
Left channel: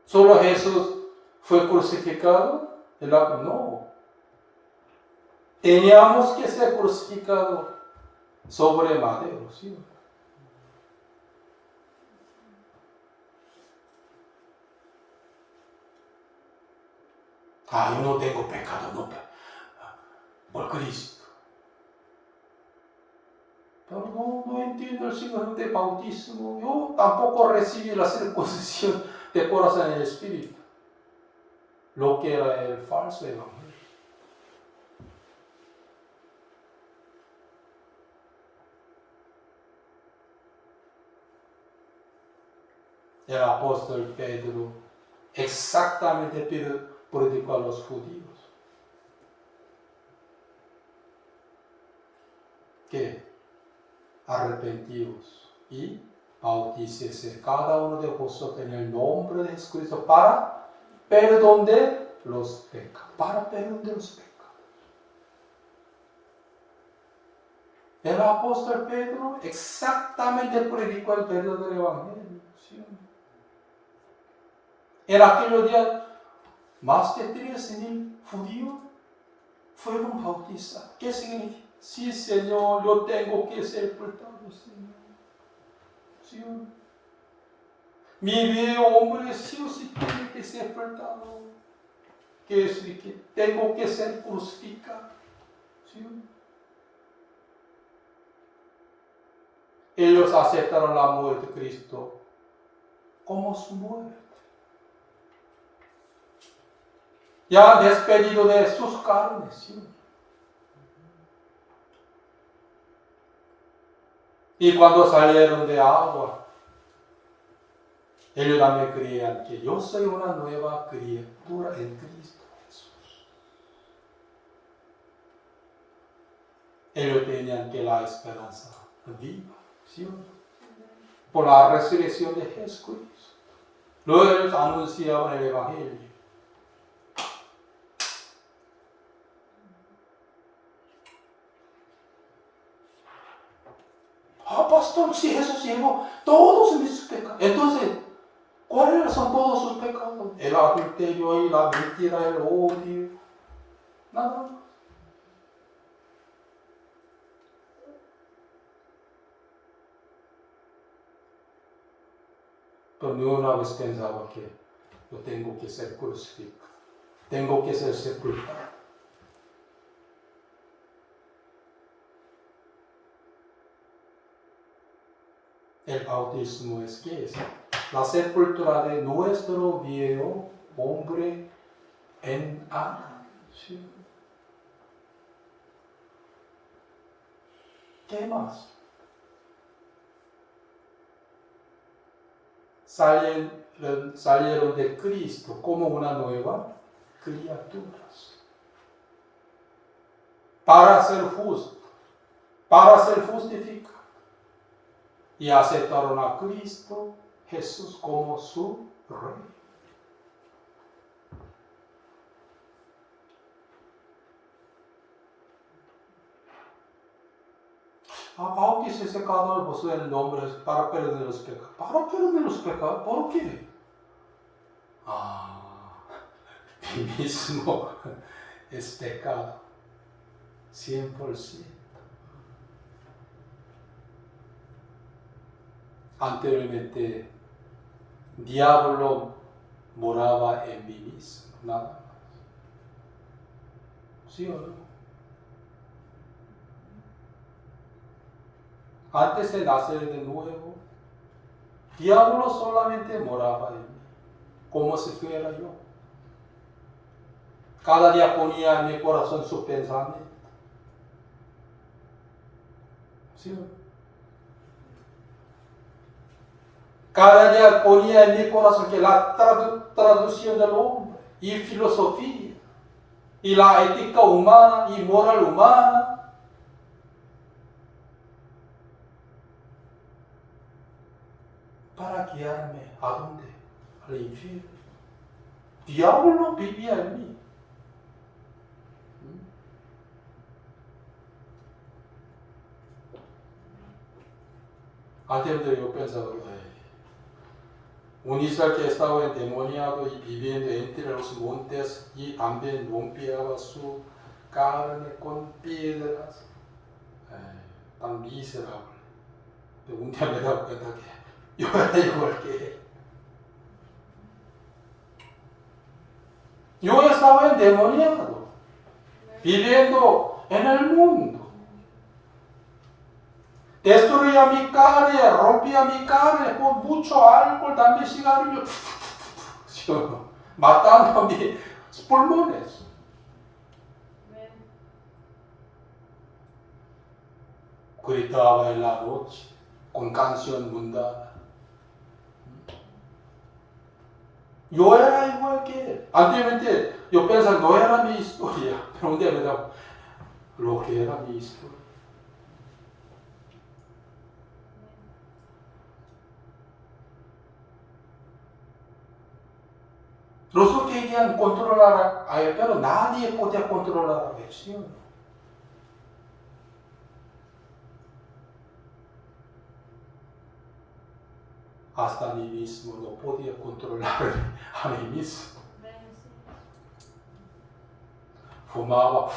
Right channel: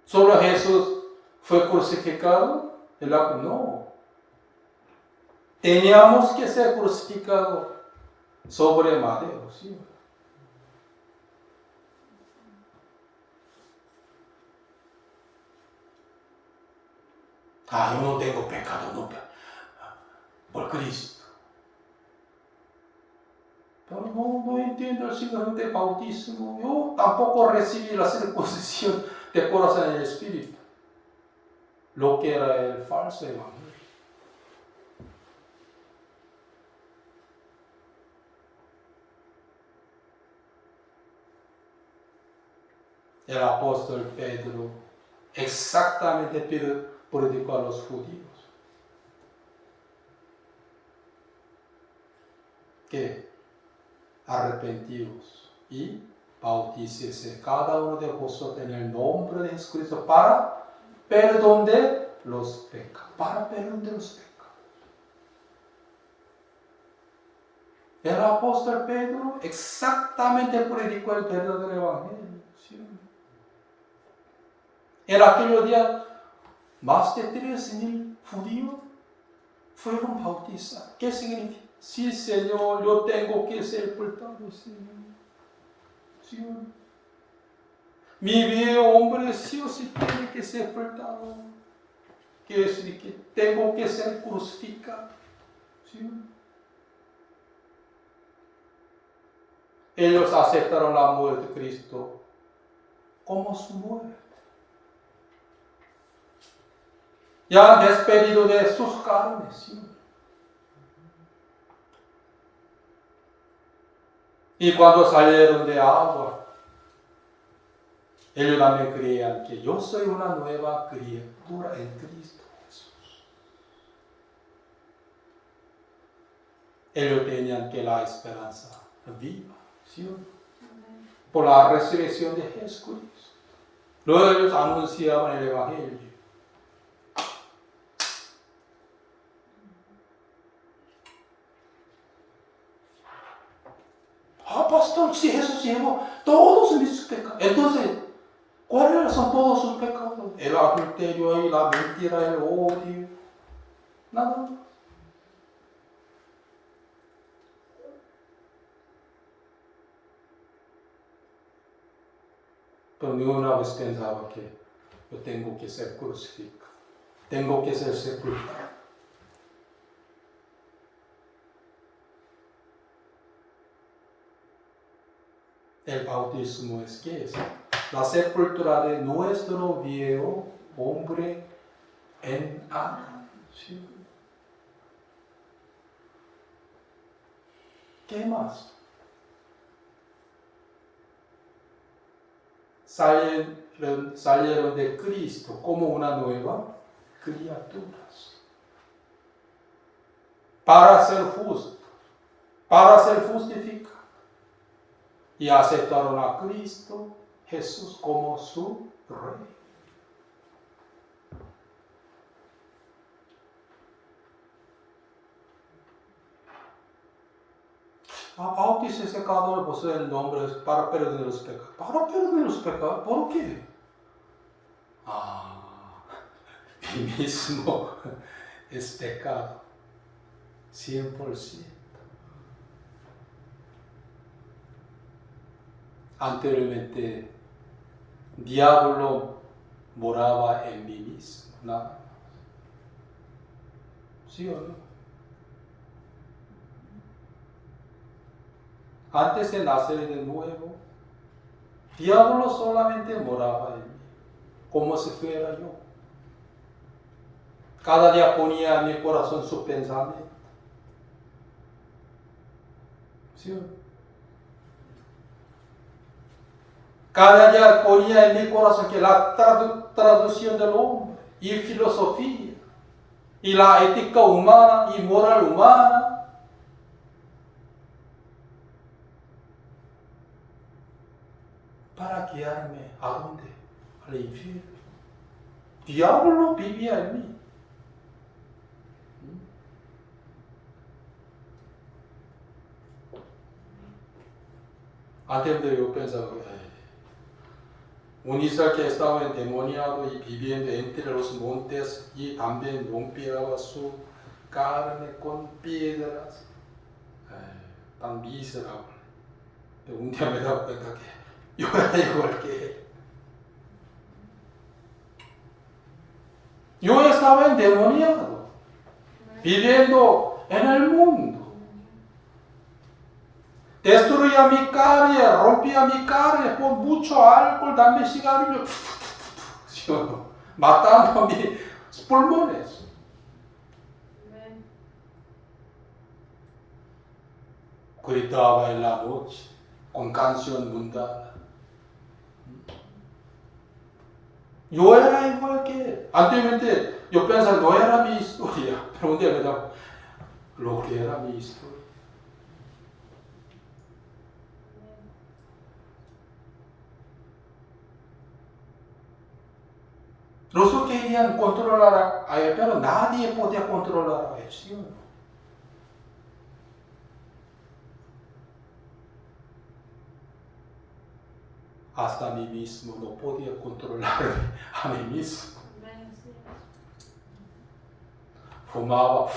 ¿Solo Jesús fue crucificado? No. Teníamos que ser crucificados sobre madero, ¿sí? Yo no tengo pecado, no, por Cristo. Pero no entiendo el signo de bautismo. Yo tampoco recibí la circuncisión de corazón en el espíritu, lo que era el falso evangelio. El apóstol Pedro exactamente predicó a los judíos que arrepentidos y bautícese cada uno de vosotros en el nombre de Jesucristo para perdón de los pecados. Para perdón de los pecados. El apóstol Pedro exactamente predicó el verdadero evangelio. ¿Sí? En aquellos días, más de 13,000 judíos fueron bautizados. ¿Qué significa? Sí, Señor, yo tengo que ser sepultado, Señor. ¿Sí? Mi viejo hombre sí o sí tiene que ser sepultado. Quiere decir que tengo que ser crucificado. ¿Sí? Ellos aceptaron la muerte de Cristo como su muerte. Ya han despedido de sus carnes. ¿Sí? Y cuando salieron de agua, ellos también creían que yo soy una nueva criatura en Cristo Jesús. Ellos tenían que la esperanza viva, ¿sí? Por la resurrección de Jesucristo. Luego ellos anunciaban el evangelio. Pastor, si Jesús llevó todos mis pecados. Entonces, ¿cuáles son todos sus pecados? El adulterio y la mentira, el odio. Nada más. Pero ni una vez pensaba que yo tengo que ser crucificado. Tengo que ser sepultado. El bautismo es ¿qué es? La sepultura de nuestro viejo hombre en Adán. ¿Sí? ¿Qué más? Salieron de Cristo como una nueva criatura. Para ser justo, para ser justificado. Y aceptaron a Cristo Jesús como su Rey. Bautícese cada uno de vosotros en el nombre para perdonar los pecados. ¿Para perdonar los pecados? ¿Por qué? Mi mismo es pecado. 100%. Anteriormente, diablo moraba en mí mismo, nada más. ¿Sí o no? Antes de nacer de nuevo, diablo solamente moraba en mí, como si fuera yo. Cada día ponía en mi corazón su pensamiento. ¿Sí o no? Cada día ponía en mi corazón que la traducción del hombre y filosofía y la ética humana y moral humana para guiarme a dónde? Al infierno. Diablo vivía en mí. Antes yo pensaba, un Israel que estaba endemoniado y viviendo entre los montes y también rompía su carne con piedras. Tan miserable. Pero un día me he dado cuenta que yo era igual que él. Yo estaba endemoniado, viviendo en el mundo. Destruía mi carne, rompía mi carne por mucho alcohol, dame cigarrillo, matando a mis pulmones. Gritaba en la noche con canción mundana. Yo era igual que él. Anteriormente yo pensaba, no era mi historia, pero un día me daba, lo que era mi historia. Los que querían controlar a él, pero nadie podía controlar a él, ¿sí o no? Hasta a mí mismo no podía controlar a mí mismo. Fumaba,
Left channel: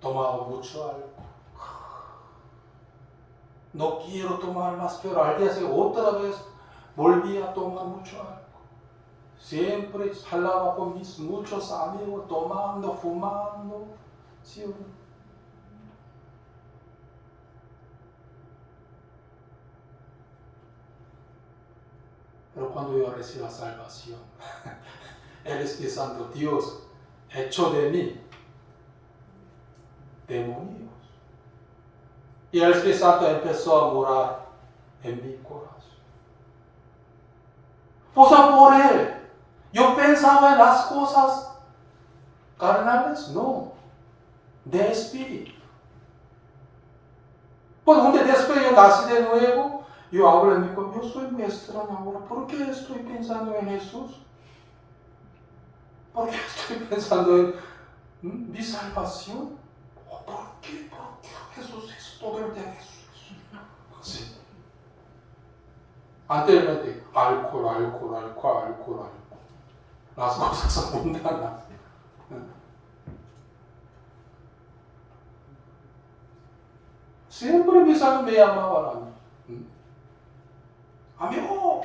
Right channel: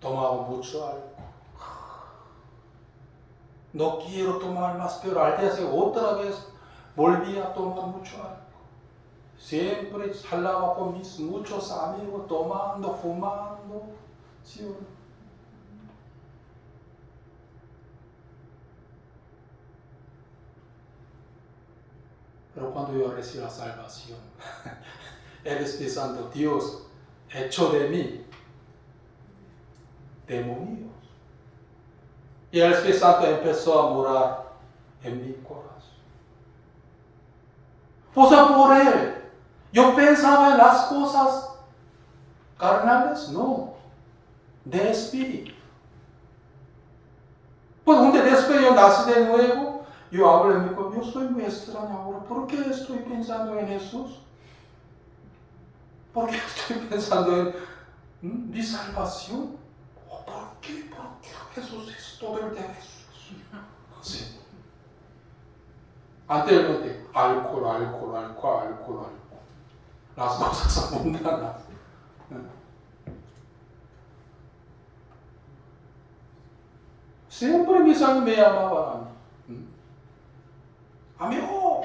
tomaba mucho algo. No quiero tomar más, pero al día siguiente otra vez volví a tomar mucho algo. Siempre salaba con mis muchos amigos, tomando, fumando. ¿Sí o no? Pero cuando yo recibí la salvación, el Espíritu Santo, Dios, echó de mí demonios. Y el Espíritu Santo empezó a morar en mi corazón. Pues por él, yo pensaba en las cosas carnales, no, de espíritu. Pues un día después yo nací de nuevo, yo hablo en mi corazón, yo soy muy extraño ahora, ¿por qué estoy pensando en Jesús? ¿Por qué estoy pensando en mi salvación? ¿Por qué? Jesús es todo el día Jesús. Sí. Anteriormente, alcohol. Las cosas mundanas. Siempre mis amigos me llamaban. Amigo,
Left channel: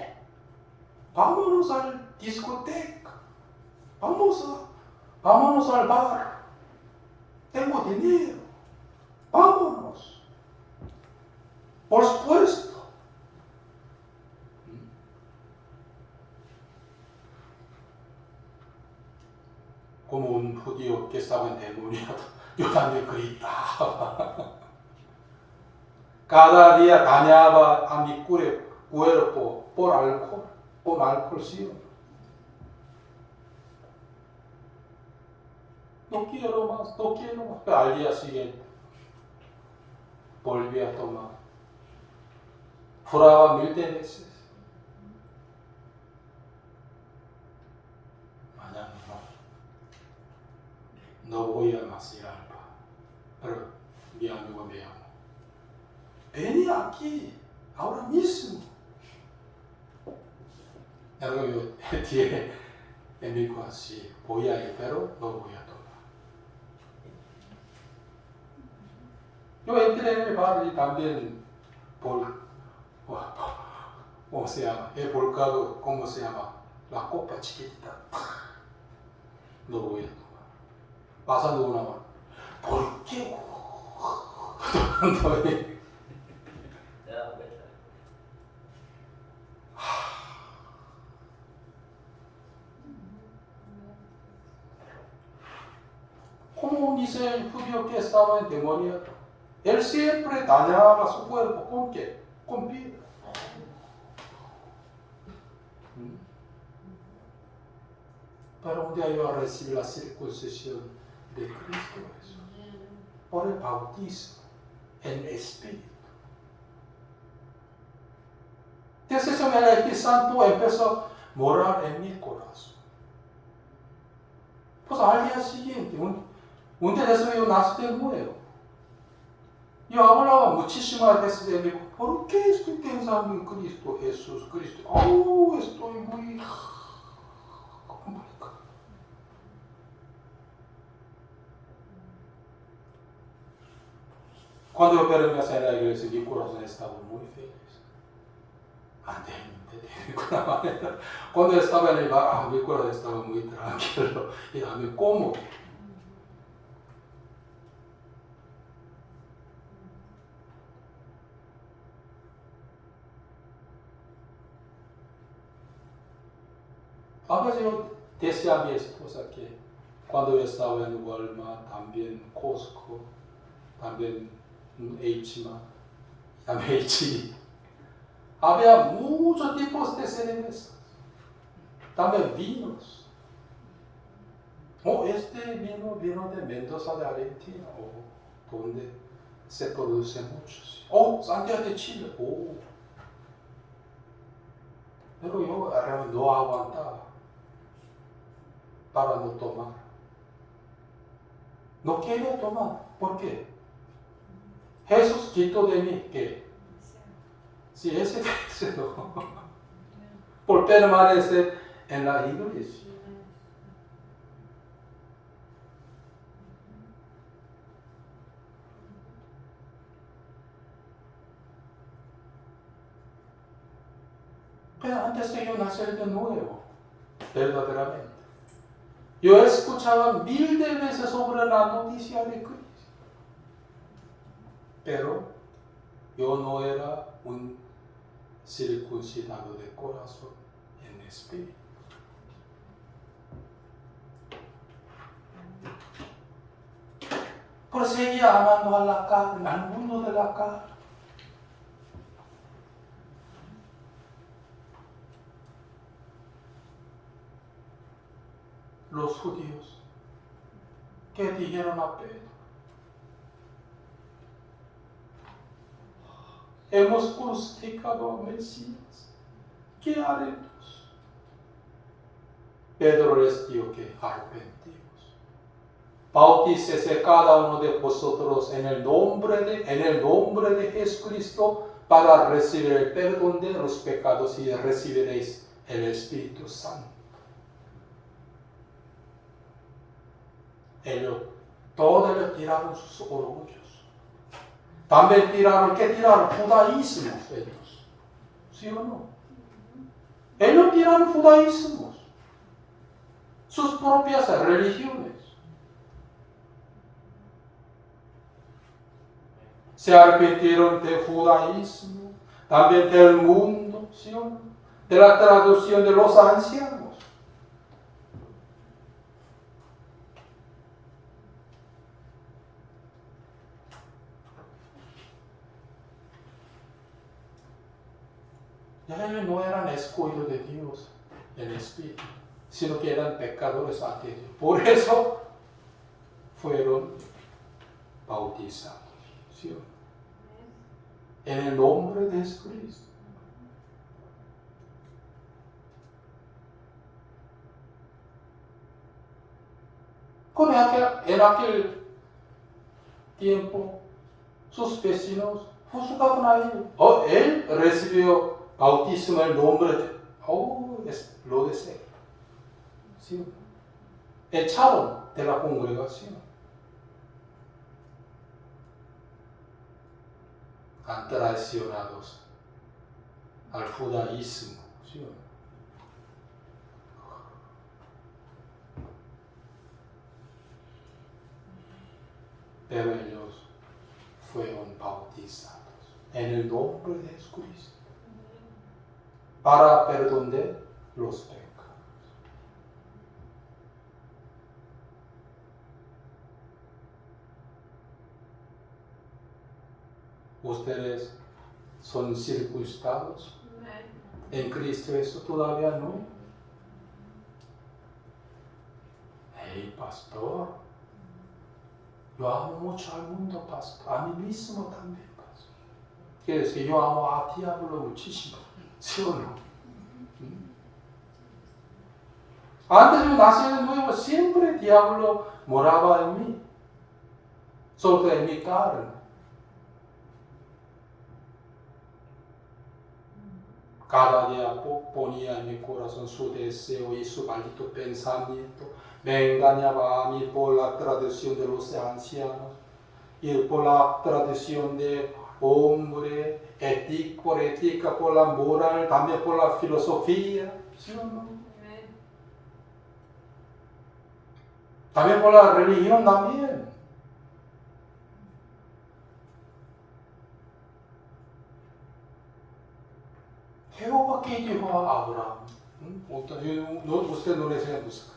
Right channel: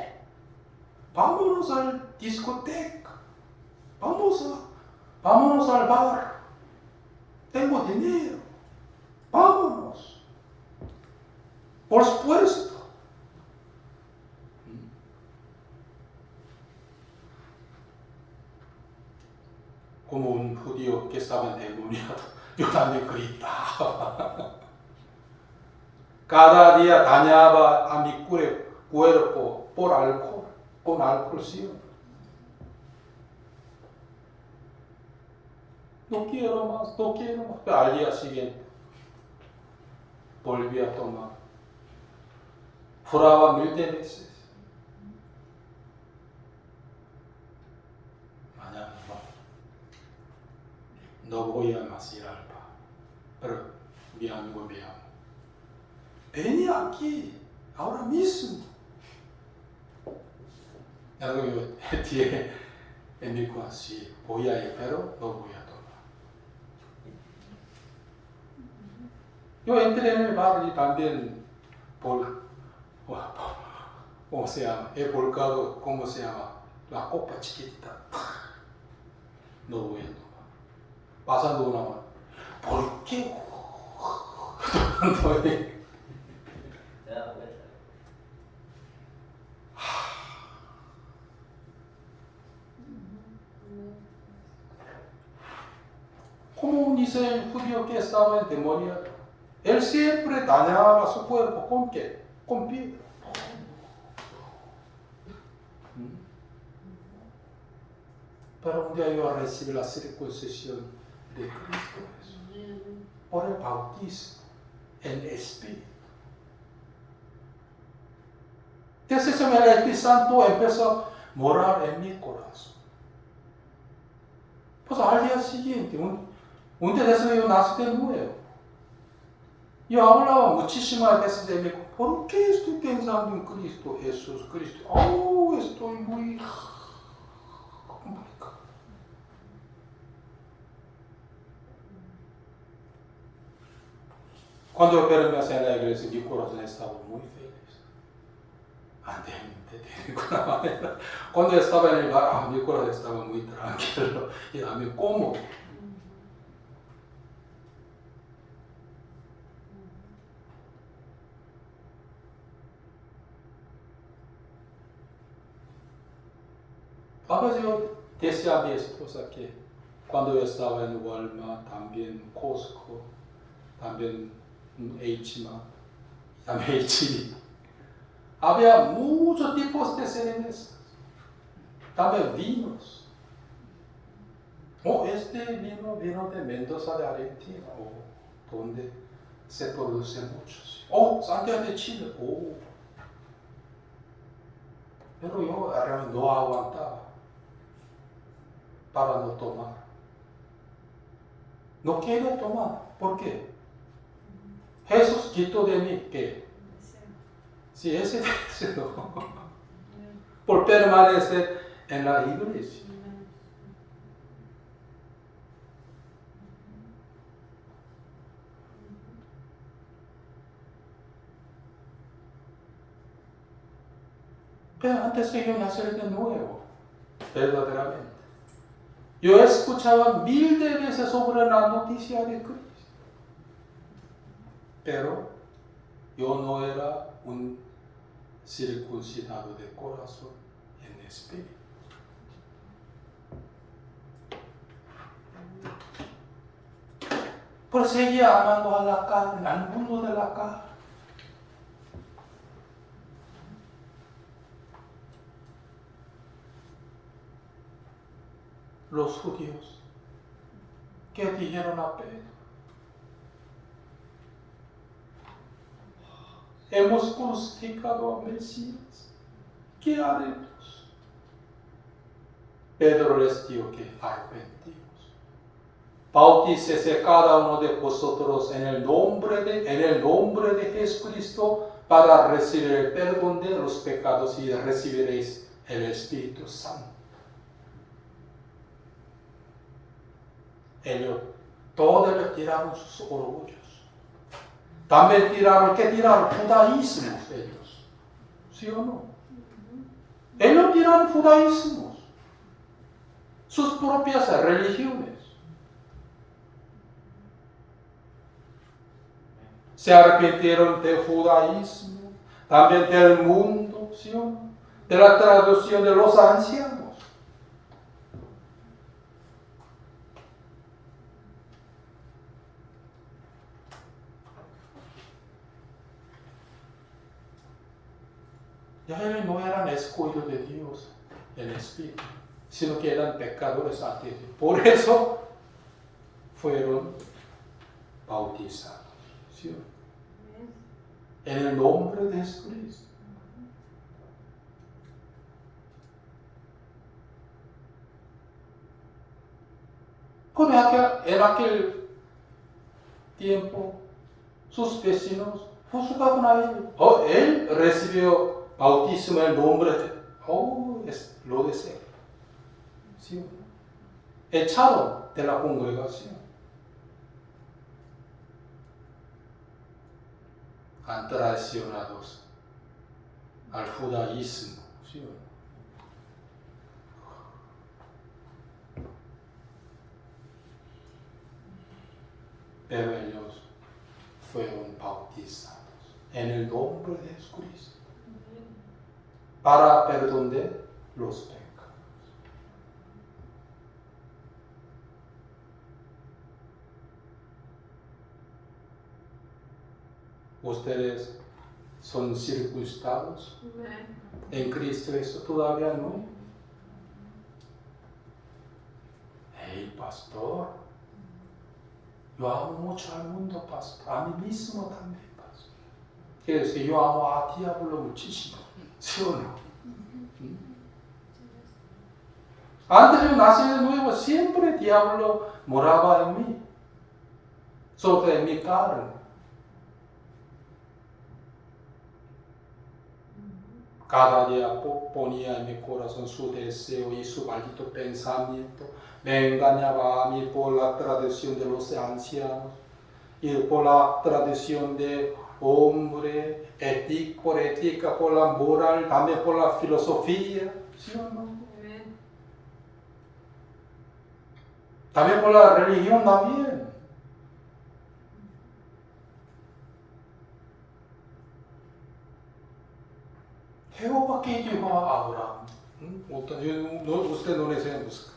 vámonos al discoteca. Vámonos al bar. Tengo dinero. Vámonos. Por supuesto. Como un judío que estaba endemoniado, yo también gritaba. Cada día dañaba a mi cuerpo por alcohol, con alcohol, ¿sí? No quiero más. Pero al día siguiente volví a tomar. Juraba 1000 veces. Mañana no voy a más ir al bar. Pero mi amigo me llamó. Vení aquí, ahora mismo. Yo dije en mi corazón, sí, voy a ir, pero no voy a tomar. Yo entré en el bar y también ¿cómo se llama? He volcado, ¿cómo se llama? La copa chiquitita. No voy a tomar. Pasando una hora. ¿Por qué? Tomando ahí. Como dice el judío que estaba endemoniado, él siempre dañaba su cuerpo. ¿Con qué? Con piedra. Pero un día yo recibí la circuncisión de Cristo por el bautismo en espíritu. Entonces el Espíritu Santo empezó a morar en mi corazón. Pues al día siguiente, un día después yo nací de nuevo. Yo hablaba muchísimas veces de mí, ¿por qué estoy pensando en Cristo, Jesús, Cristo? Oh, estoy muy complicado. Cuando yo permanecí en la iglesia, mi corazón estaba muy feliz. De ninguna manera. Cuando estaba en el bar, mi corazón estaba muy tranquilo y también cómodo. A veces yo decía a mi esposa que cuando yo estaba en Walmart, también Costco, también H-Mart, también H-E, había muchos tipos de cervezas, también vinos. Este vino vino de Mendoza de Argentina, donde se produce muchos. Santiago de Chile, Pero yo no aguantaba para no tomar. No quería tomar. ¿Por qué? Jesús quitó de mí, ¿qué? Sí, ese deseo. Por permanecer en la iglesia. Pero antes de yo nacer de nuevo, verdaderamente, yo escuchaba mil de veces sobre la noticia de Cristo. Pero yo no era un circuncidado de corazón en espíritu. Pero seguía amando a la carne, al mundo de la carne. Los judíos que dijeron a Pedro, hemos crucificado a Mesías, ¿qué haremos? Pedro les dijo que arrepentimos. Bautícese cada uno de vosotros en el nombre de Jesucristo para recibir el perdón de los pecados y recibiréis el Espíritu Santo. Ellos todos tiraron sus orgullos. También tiraron judaísmos ellos. ¿Sí o no? Ellos tiraron judaísmos. Sus propias religiones. Se arrepintieron del judaísmo, también del mundo, ¿sí o no? De la traducción de los ancianos. Ya ellos no eran escogidos de Dios en espíritu, sino que eran pecadores ante Dios. Por eso fueron bautizados, ¿sí o no? En el nombre de Jesucristo. En aquel tiempo, sus vecinos juzgaban a él. Él recibió bautismo en el nombre lo deseo. ¿Sí? Echaron de la congregación. Han traicionados al judaísmo. ¿Sí? Pero ellos fueron bautizados en el nombre de Jesucristo para perdón de los pecados. ¿Ustedes son circuncidados en Cristo? Eso todavía no. Hey, pastor, yo amo mucho al mundo, pastor, a mí mismo también, pastor. Quiere decir que yo amo a ti, hablo muchísimo. ¿Sí o no? Antes de nacer de nuevo, siempre el diablo moraba en mí, sobre mi carne. Cada día ponía en mi corazón su deseo y su maldito pensamiento. Me engañaba a mí por la tradición de los ancianos y por la tradición de hombre, por ética, por la moral, también por la filosofía. ¿Sí o no? También por la religión también. Jehová que dijo a Abraham. Usted no les busca.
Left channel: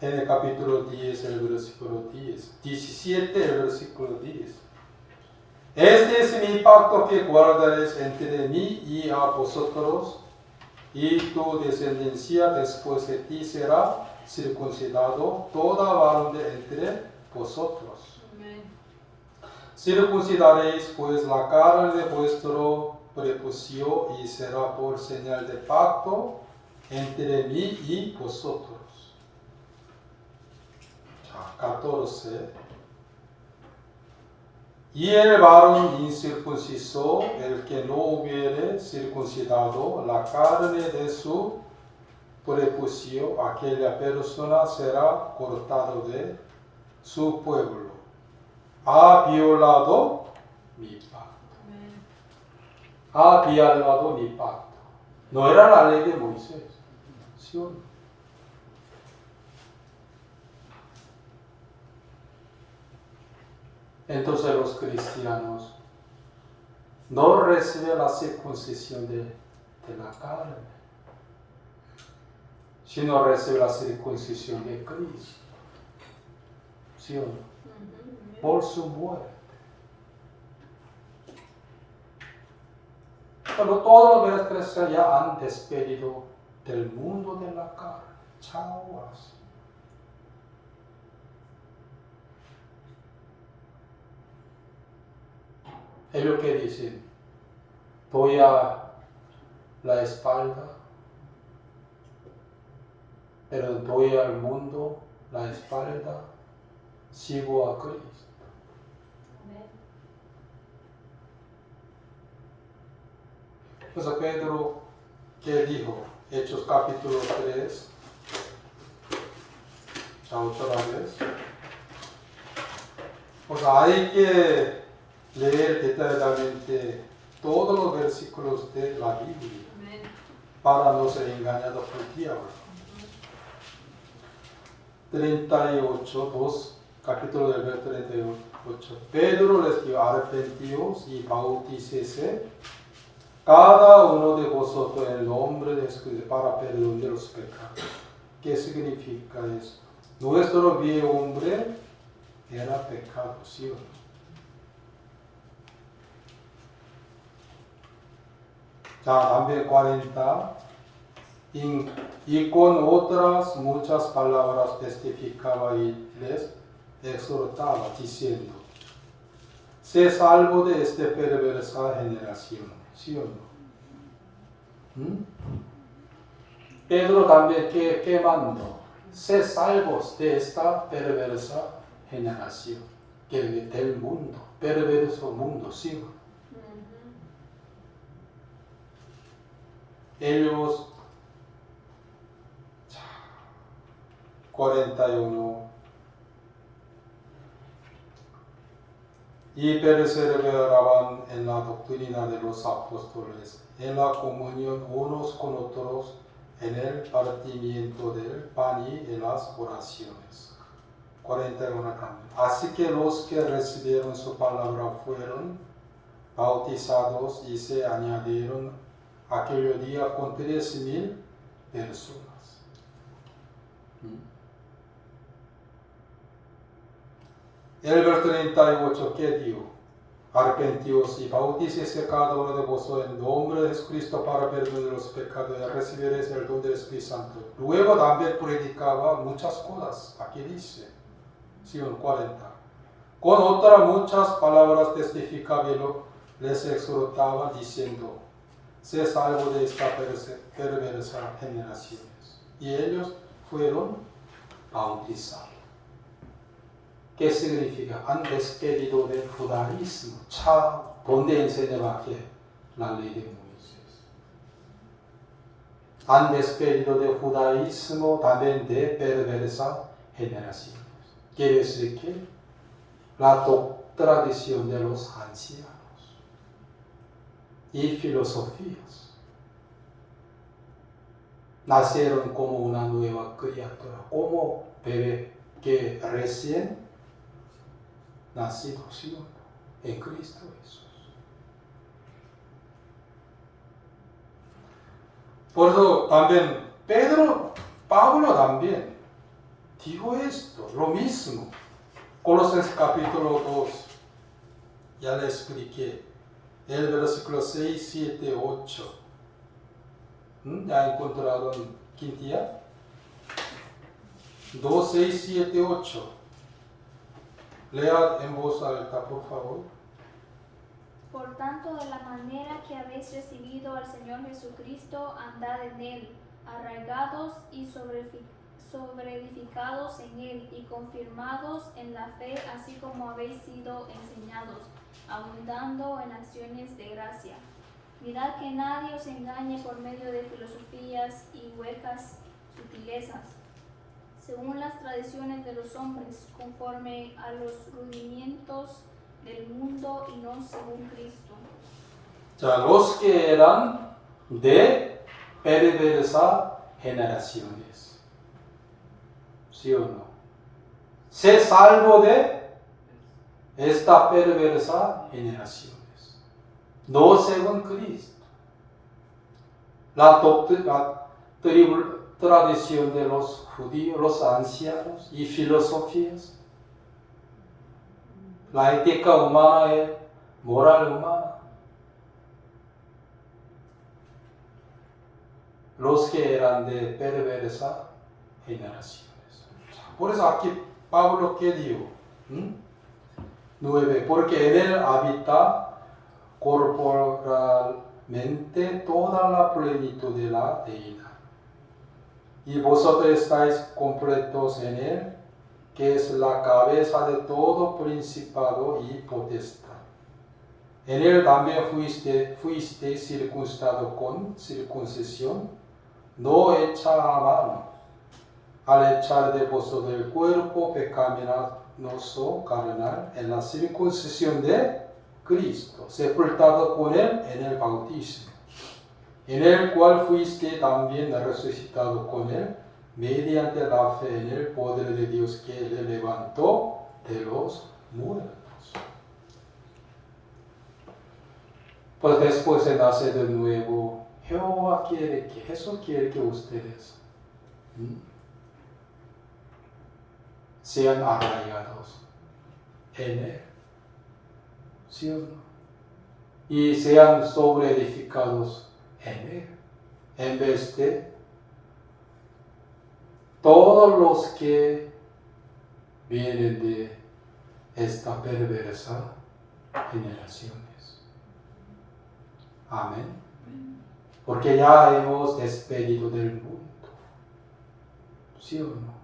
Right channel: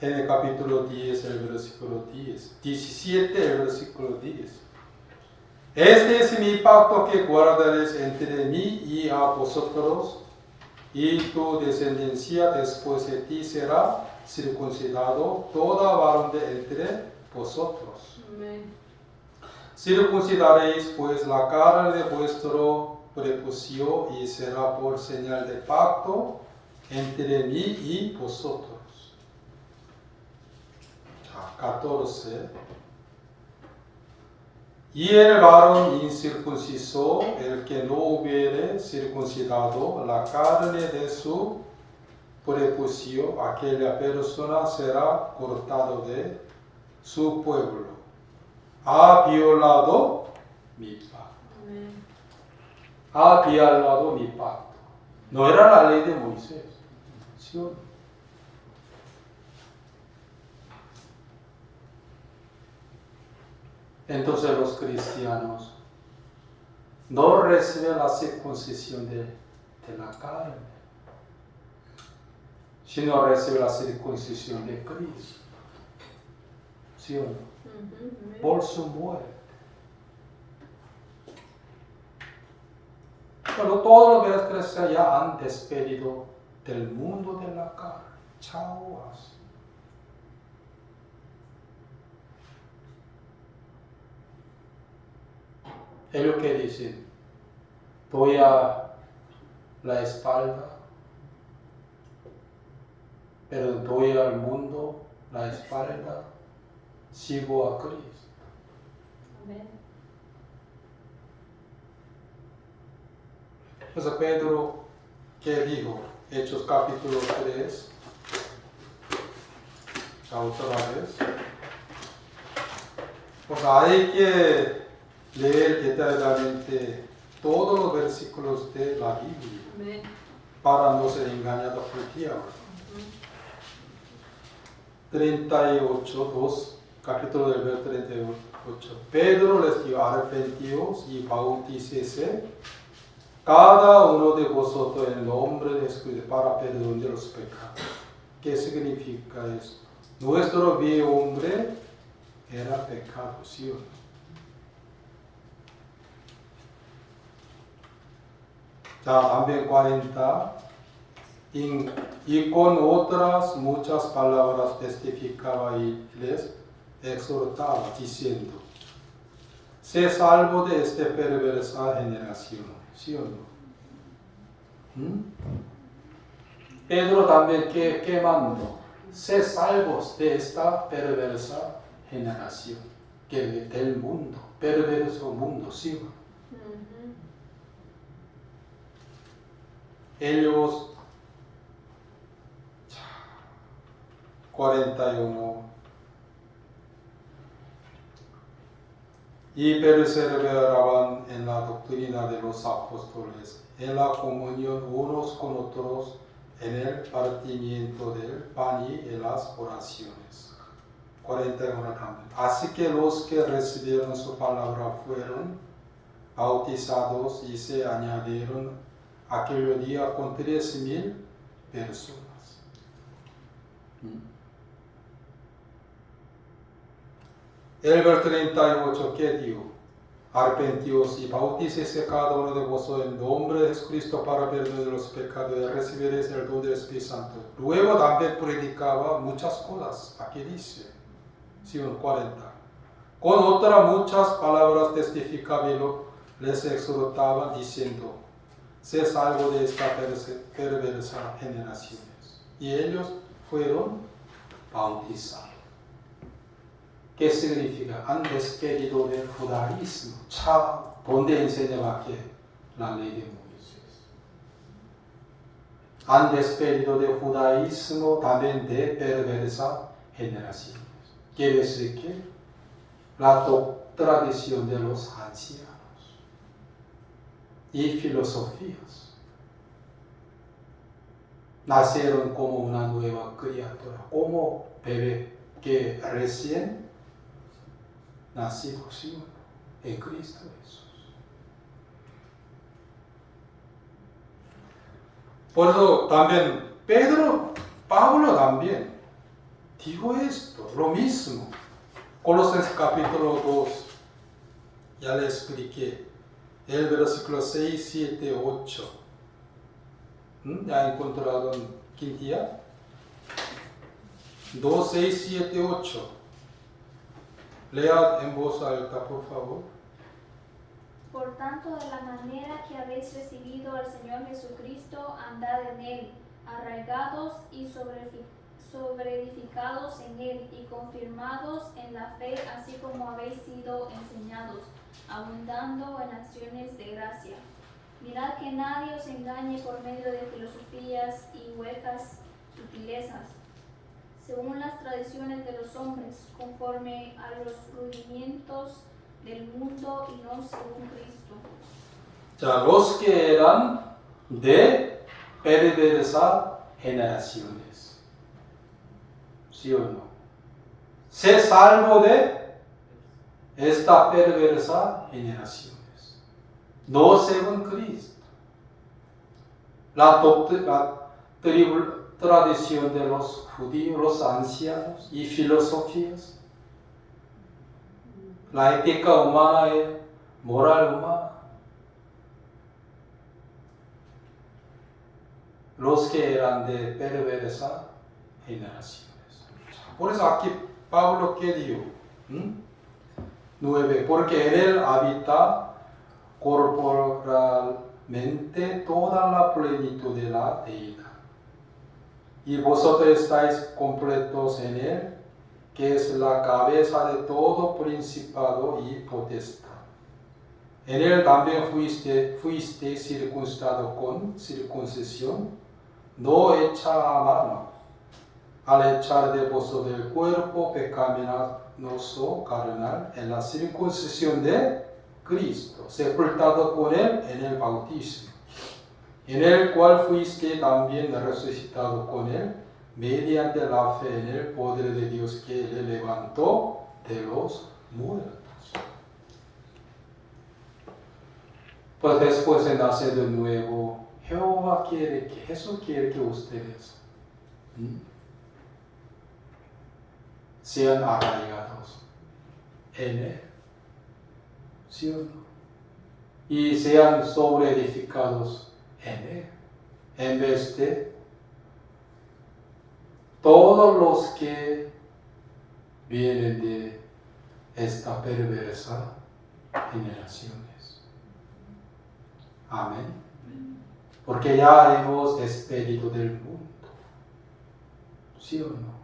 En el capítulo 10, el versículo 10. 17, el versículo 10. Este es mi pacto que guardaréis entre mí y a vosotros, y tu descendencia después de ti será circuncidado, toda varón de entre vosotros. Amén. Circuncidaréis pues la carne de vuestro prepucio y será por señal de pacto entre mí y vosotros. 14. Y el varón incircunciso, el que no hubiere circuncidado la carne de su prepucio, aquella persona será cortado de su pueblo. Ha violado mi pacto. Ha violado mi pacto. No era la ley de Moisés. ¿Sí o no? Entonces los cristianos no reciben la circuncisión de la carne, sino reciben la circuncisión de Cristo. ¿Sí o no? Por su muerte. Pero todos los cristianos ya han despedido del mundo de la carne. Chao. Ellos que dicen, doy a la espalda, pero doy al mundo la espalda, sigo a Cristo. Amén. Entonces Pedro, ¿qué dijo? Hechos capítulo 3, otra vez. Pues hay que leer detalladamente todos los versículos de la Biblia. Amén. Para no ser engañado por el diablo. 38, capítulo del verso 38. Pedro les dijo, arrepentíos y bautícese cada uno de vosotros en el nombre de Jesucristo para perdón de los pecados. ¿Qué significa esto? Nuestro viejo hombre era pecado, ¿sí o no? También 40, y con otras muchas palabras testificaba y les exhortaba, diciendo, sé salvo de esta perversa generación. ¿Sí o no? Pedro también que mandó, sé salvos de esta perversa generación, que del mundo, perverso mundo, ¿sí o no? Ellos 41 y perseveraban en la doctrina de los apóstoles, en la comunión unos con otros, en el partimiento del pan y en las oraciones. 41 también. Así que los que recibieron su palabra fueron bautizados y se añadieron aquel día con 13,000 personas. El verso 38, ¿qué dijo? Arrepentíos y bautícese cada uno de vosotros en nombre de Jesucristo para perdón de los pecados y recibiréis el don del Espíritu Santo. Luego también predicaba muchas cosas. Aquí dice, 40. Con otras muchas palabras testificaba les exhortaba diciendo: sé salvo de esta perversa generaciones. Y ellos fueron bautizados. ¿Qué significa? Han despedido del judaísmo, donde enseñaba que la ley de Moisés. Han despedido del judaísmo también de perversa generaciones. Quiere decir que la tradición de los ancianos y filosofías nacieron como una nueva criatura, como bebé que recién nacido, ¿sí? En Cristo Jesús. Por eso también Pablo también dijo esto, lo mismo. Colosenses capítulo 2, ya le expliqué, el versículo 6, 7, 8. ¿Ya encontraron Quintilla? 2, 6, 7, 8. Lea en voz alta, por favor. Por tanto, de la manera que habéis recibido al Señor Jesucristo, andad en Él, arraigados y sobreedificados en Él, y confirmados en la fe, así como habéis sido enseñados, abundando en acciones de gracia. Mirad que nadie os engañe por medio de filosofías y huecas sutilezas, según las tradiciones de los hombres, conforme a los rudimientos del mundo y no según Cristo. Ya, los que eran de perversa generaciones. ¿Sí o no? Sé salvo de esta perversa generaciones. No según Cristo. La tradición de los judíos, los ancianos y filosofías. La ética humana y moral humana. Los que eran de perversa generaciones. Por eso aquí Pablo ¿qué dijo? 9. Porque en él habita corporalmente toda la plenitud de la deidad. Y vosotros estáis completos en él, que es la cabeza de todo principado y potestad. En él también fuiste circuncidado con circuncisión, no hecha a mano, al echar de vosotros del cuerpo pecaminoso carnal en la circuncisión de Cristo, sepultado con él en el bautismo, en el cual fuiste también resucitado con él, mediante la fe en el poder de Dios que le levantó de los muertos. Pues después de nacer de nuevo, Jesús quiere que ustedes sean arraigados en él, ¿sí o no? Y sean sobreedificados en él, en vez de todos los que vienen de esta perversa generaciones. Amén. Porque ya hemos despedido del mundo, ¿sí o no?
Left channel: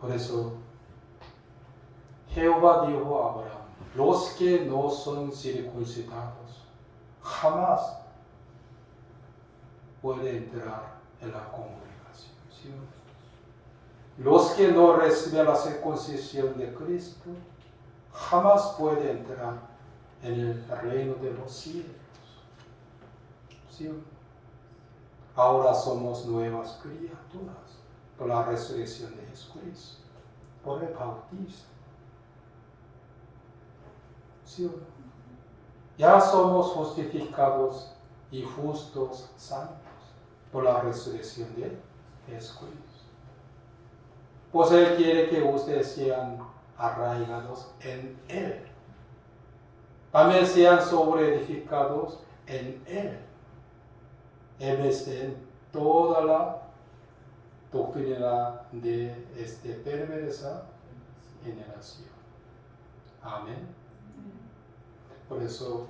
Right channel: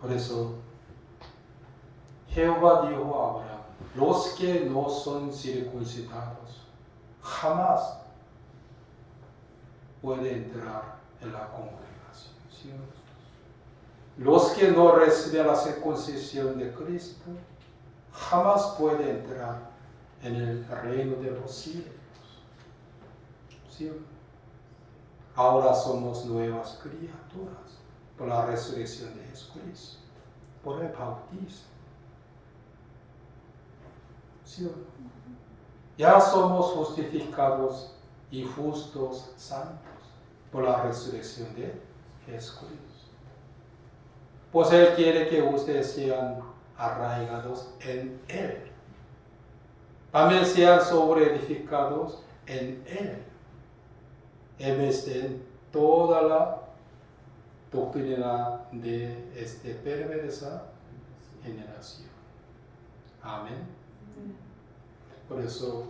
Por eso Jehová dijo a Abraham: los que no son circuncidados jamás pueden entrar en la congregación, ¿sí o no? Los que no reciben la circuncisión de Cristo jamás pueden entrar en el reino de los cielos, ¿sí o no? Ahora somos nuevas criaturas por la resurrección de Jesucristo, por el bautismo, ¿sí o no? Ya somos justificados y justos, santos, por la resurrección de Jesucristo. Pues Él quiere que ustedes sean arraigados en Él. También sean sobreedificados en Él, en vez de toda la doctrina de esta perversa generación. Amén. Por eso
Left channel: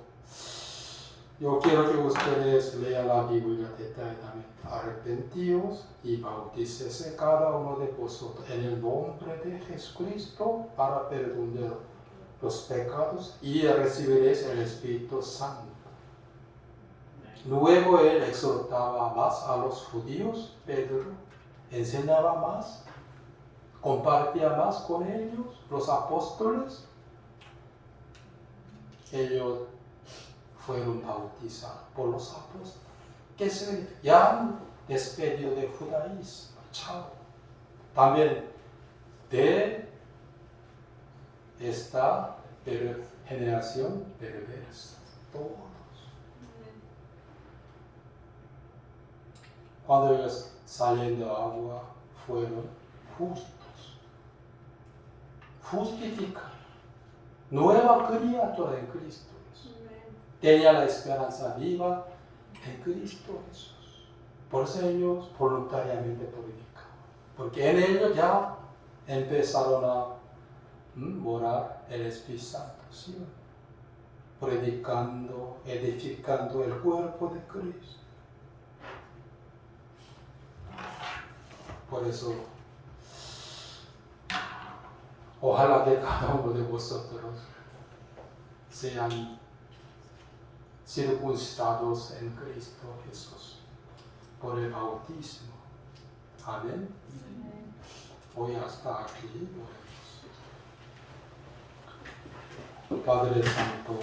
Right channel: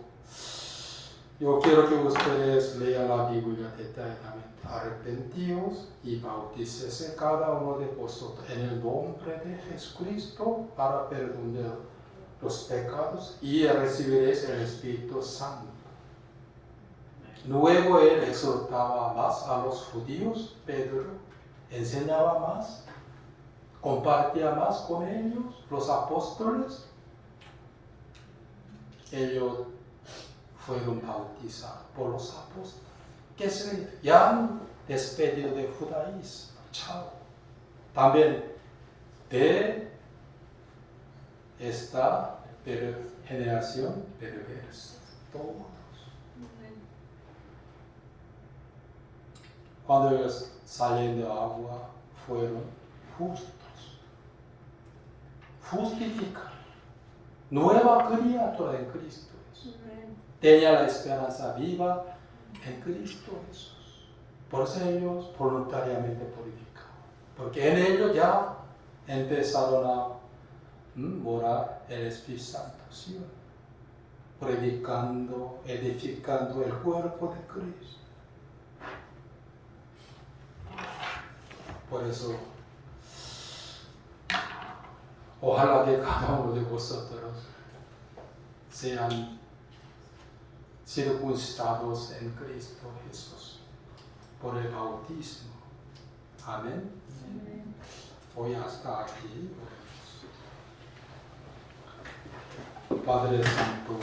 yo quiero que ustedes lean la Biblia detalladamente. Arrepentíos y bautícese cada uno de vosotros en el nombre de Jesucristo para perdonar los pecados y recibiréis el Espíritu Santo. Luego él exhortaba más a los judíos, Pedro enseñaba más, compartía más con ellos, los apóstoles. Ellos fueron bautizados por los apóstoles. ¿Qué significa? Ya han despedido del judaísmo. Chao. También de esta generación perversa. Todos. Cuando ellos salen de agua fueron justos. Justificados. Nueva criatura en Cristo Jesús. Tenía la esperanza viva en Cristo Jesús. Por eso ellos voluntariamente predicaban. Porque en ellos ya empezaron a morar el Espíritu Santo. ¿Sí? Predicando, edificando el cuerpo de Cristo. Por eso, ojalá que cada uno de vosotros sean circuncidados en Cristo Jesús por el bautismo. Amén. Hoy hasta aquí. Padre Santo.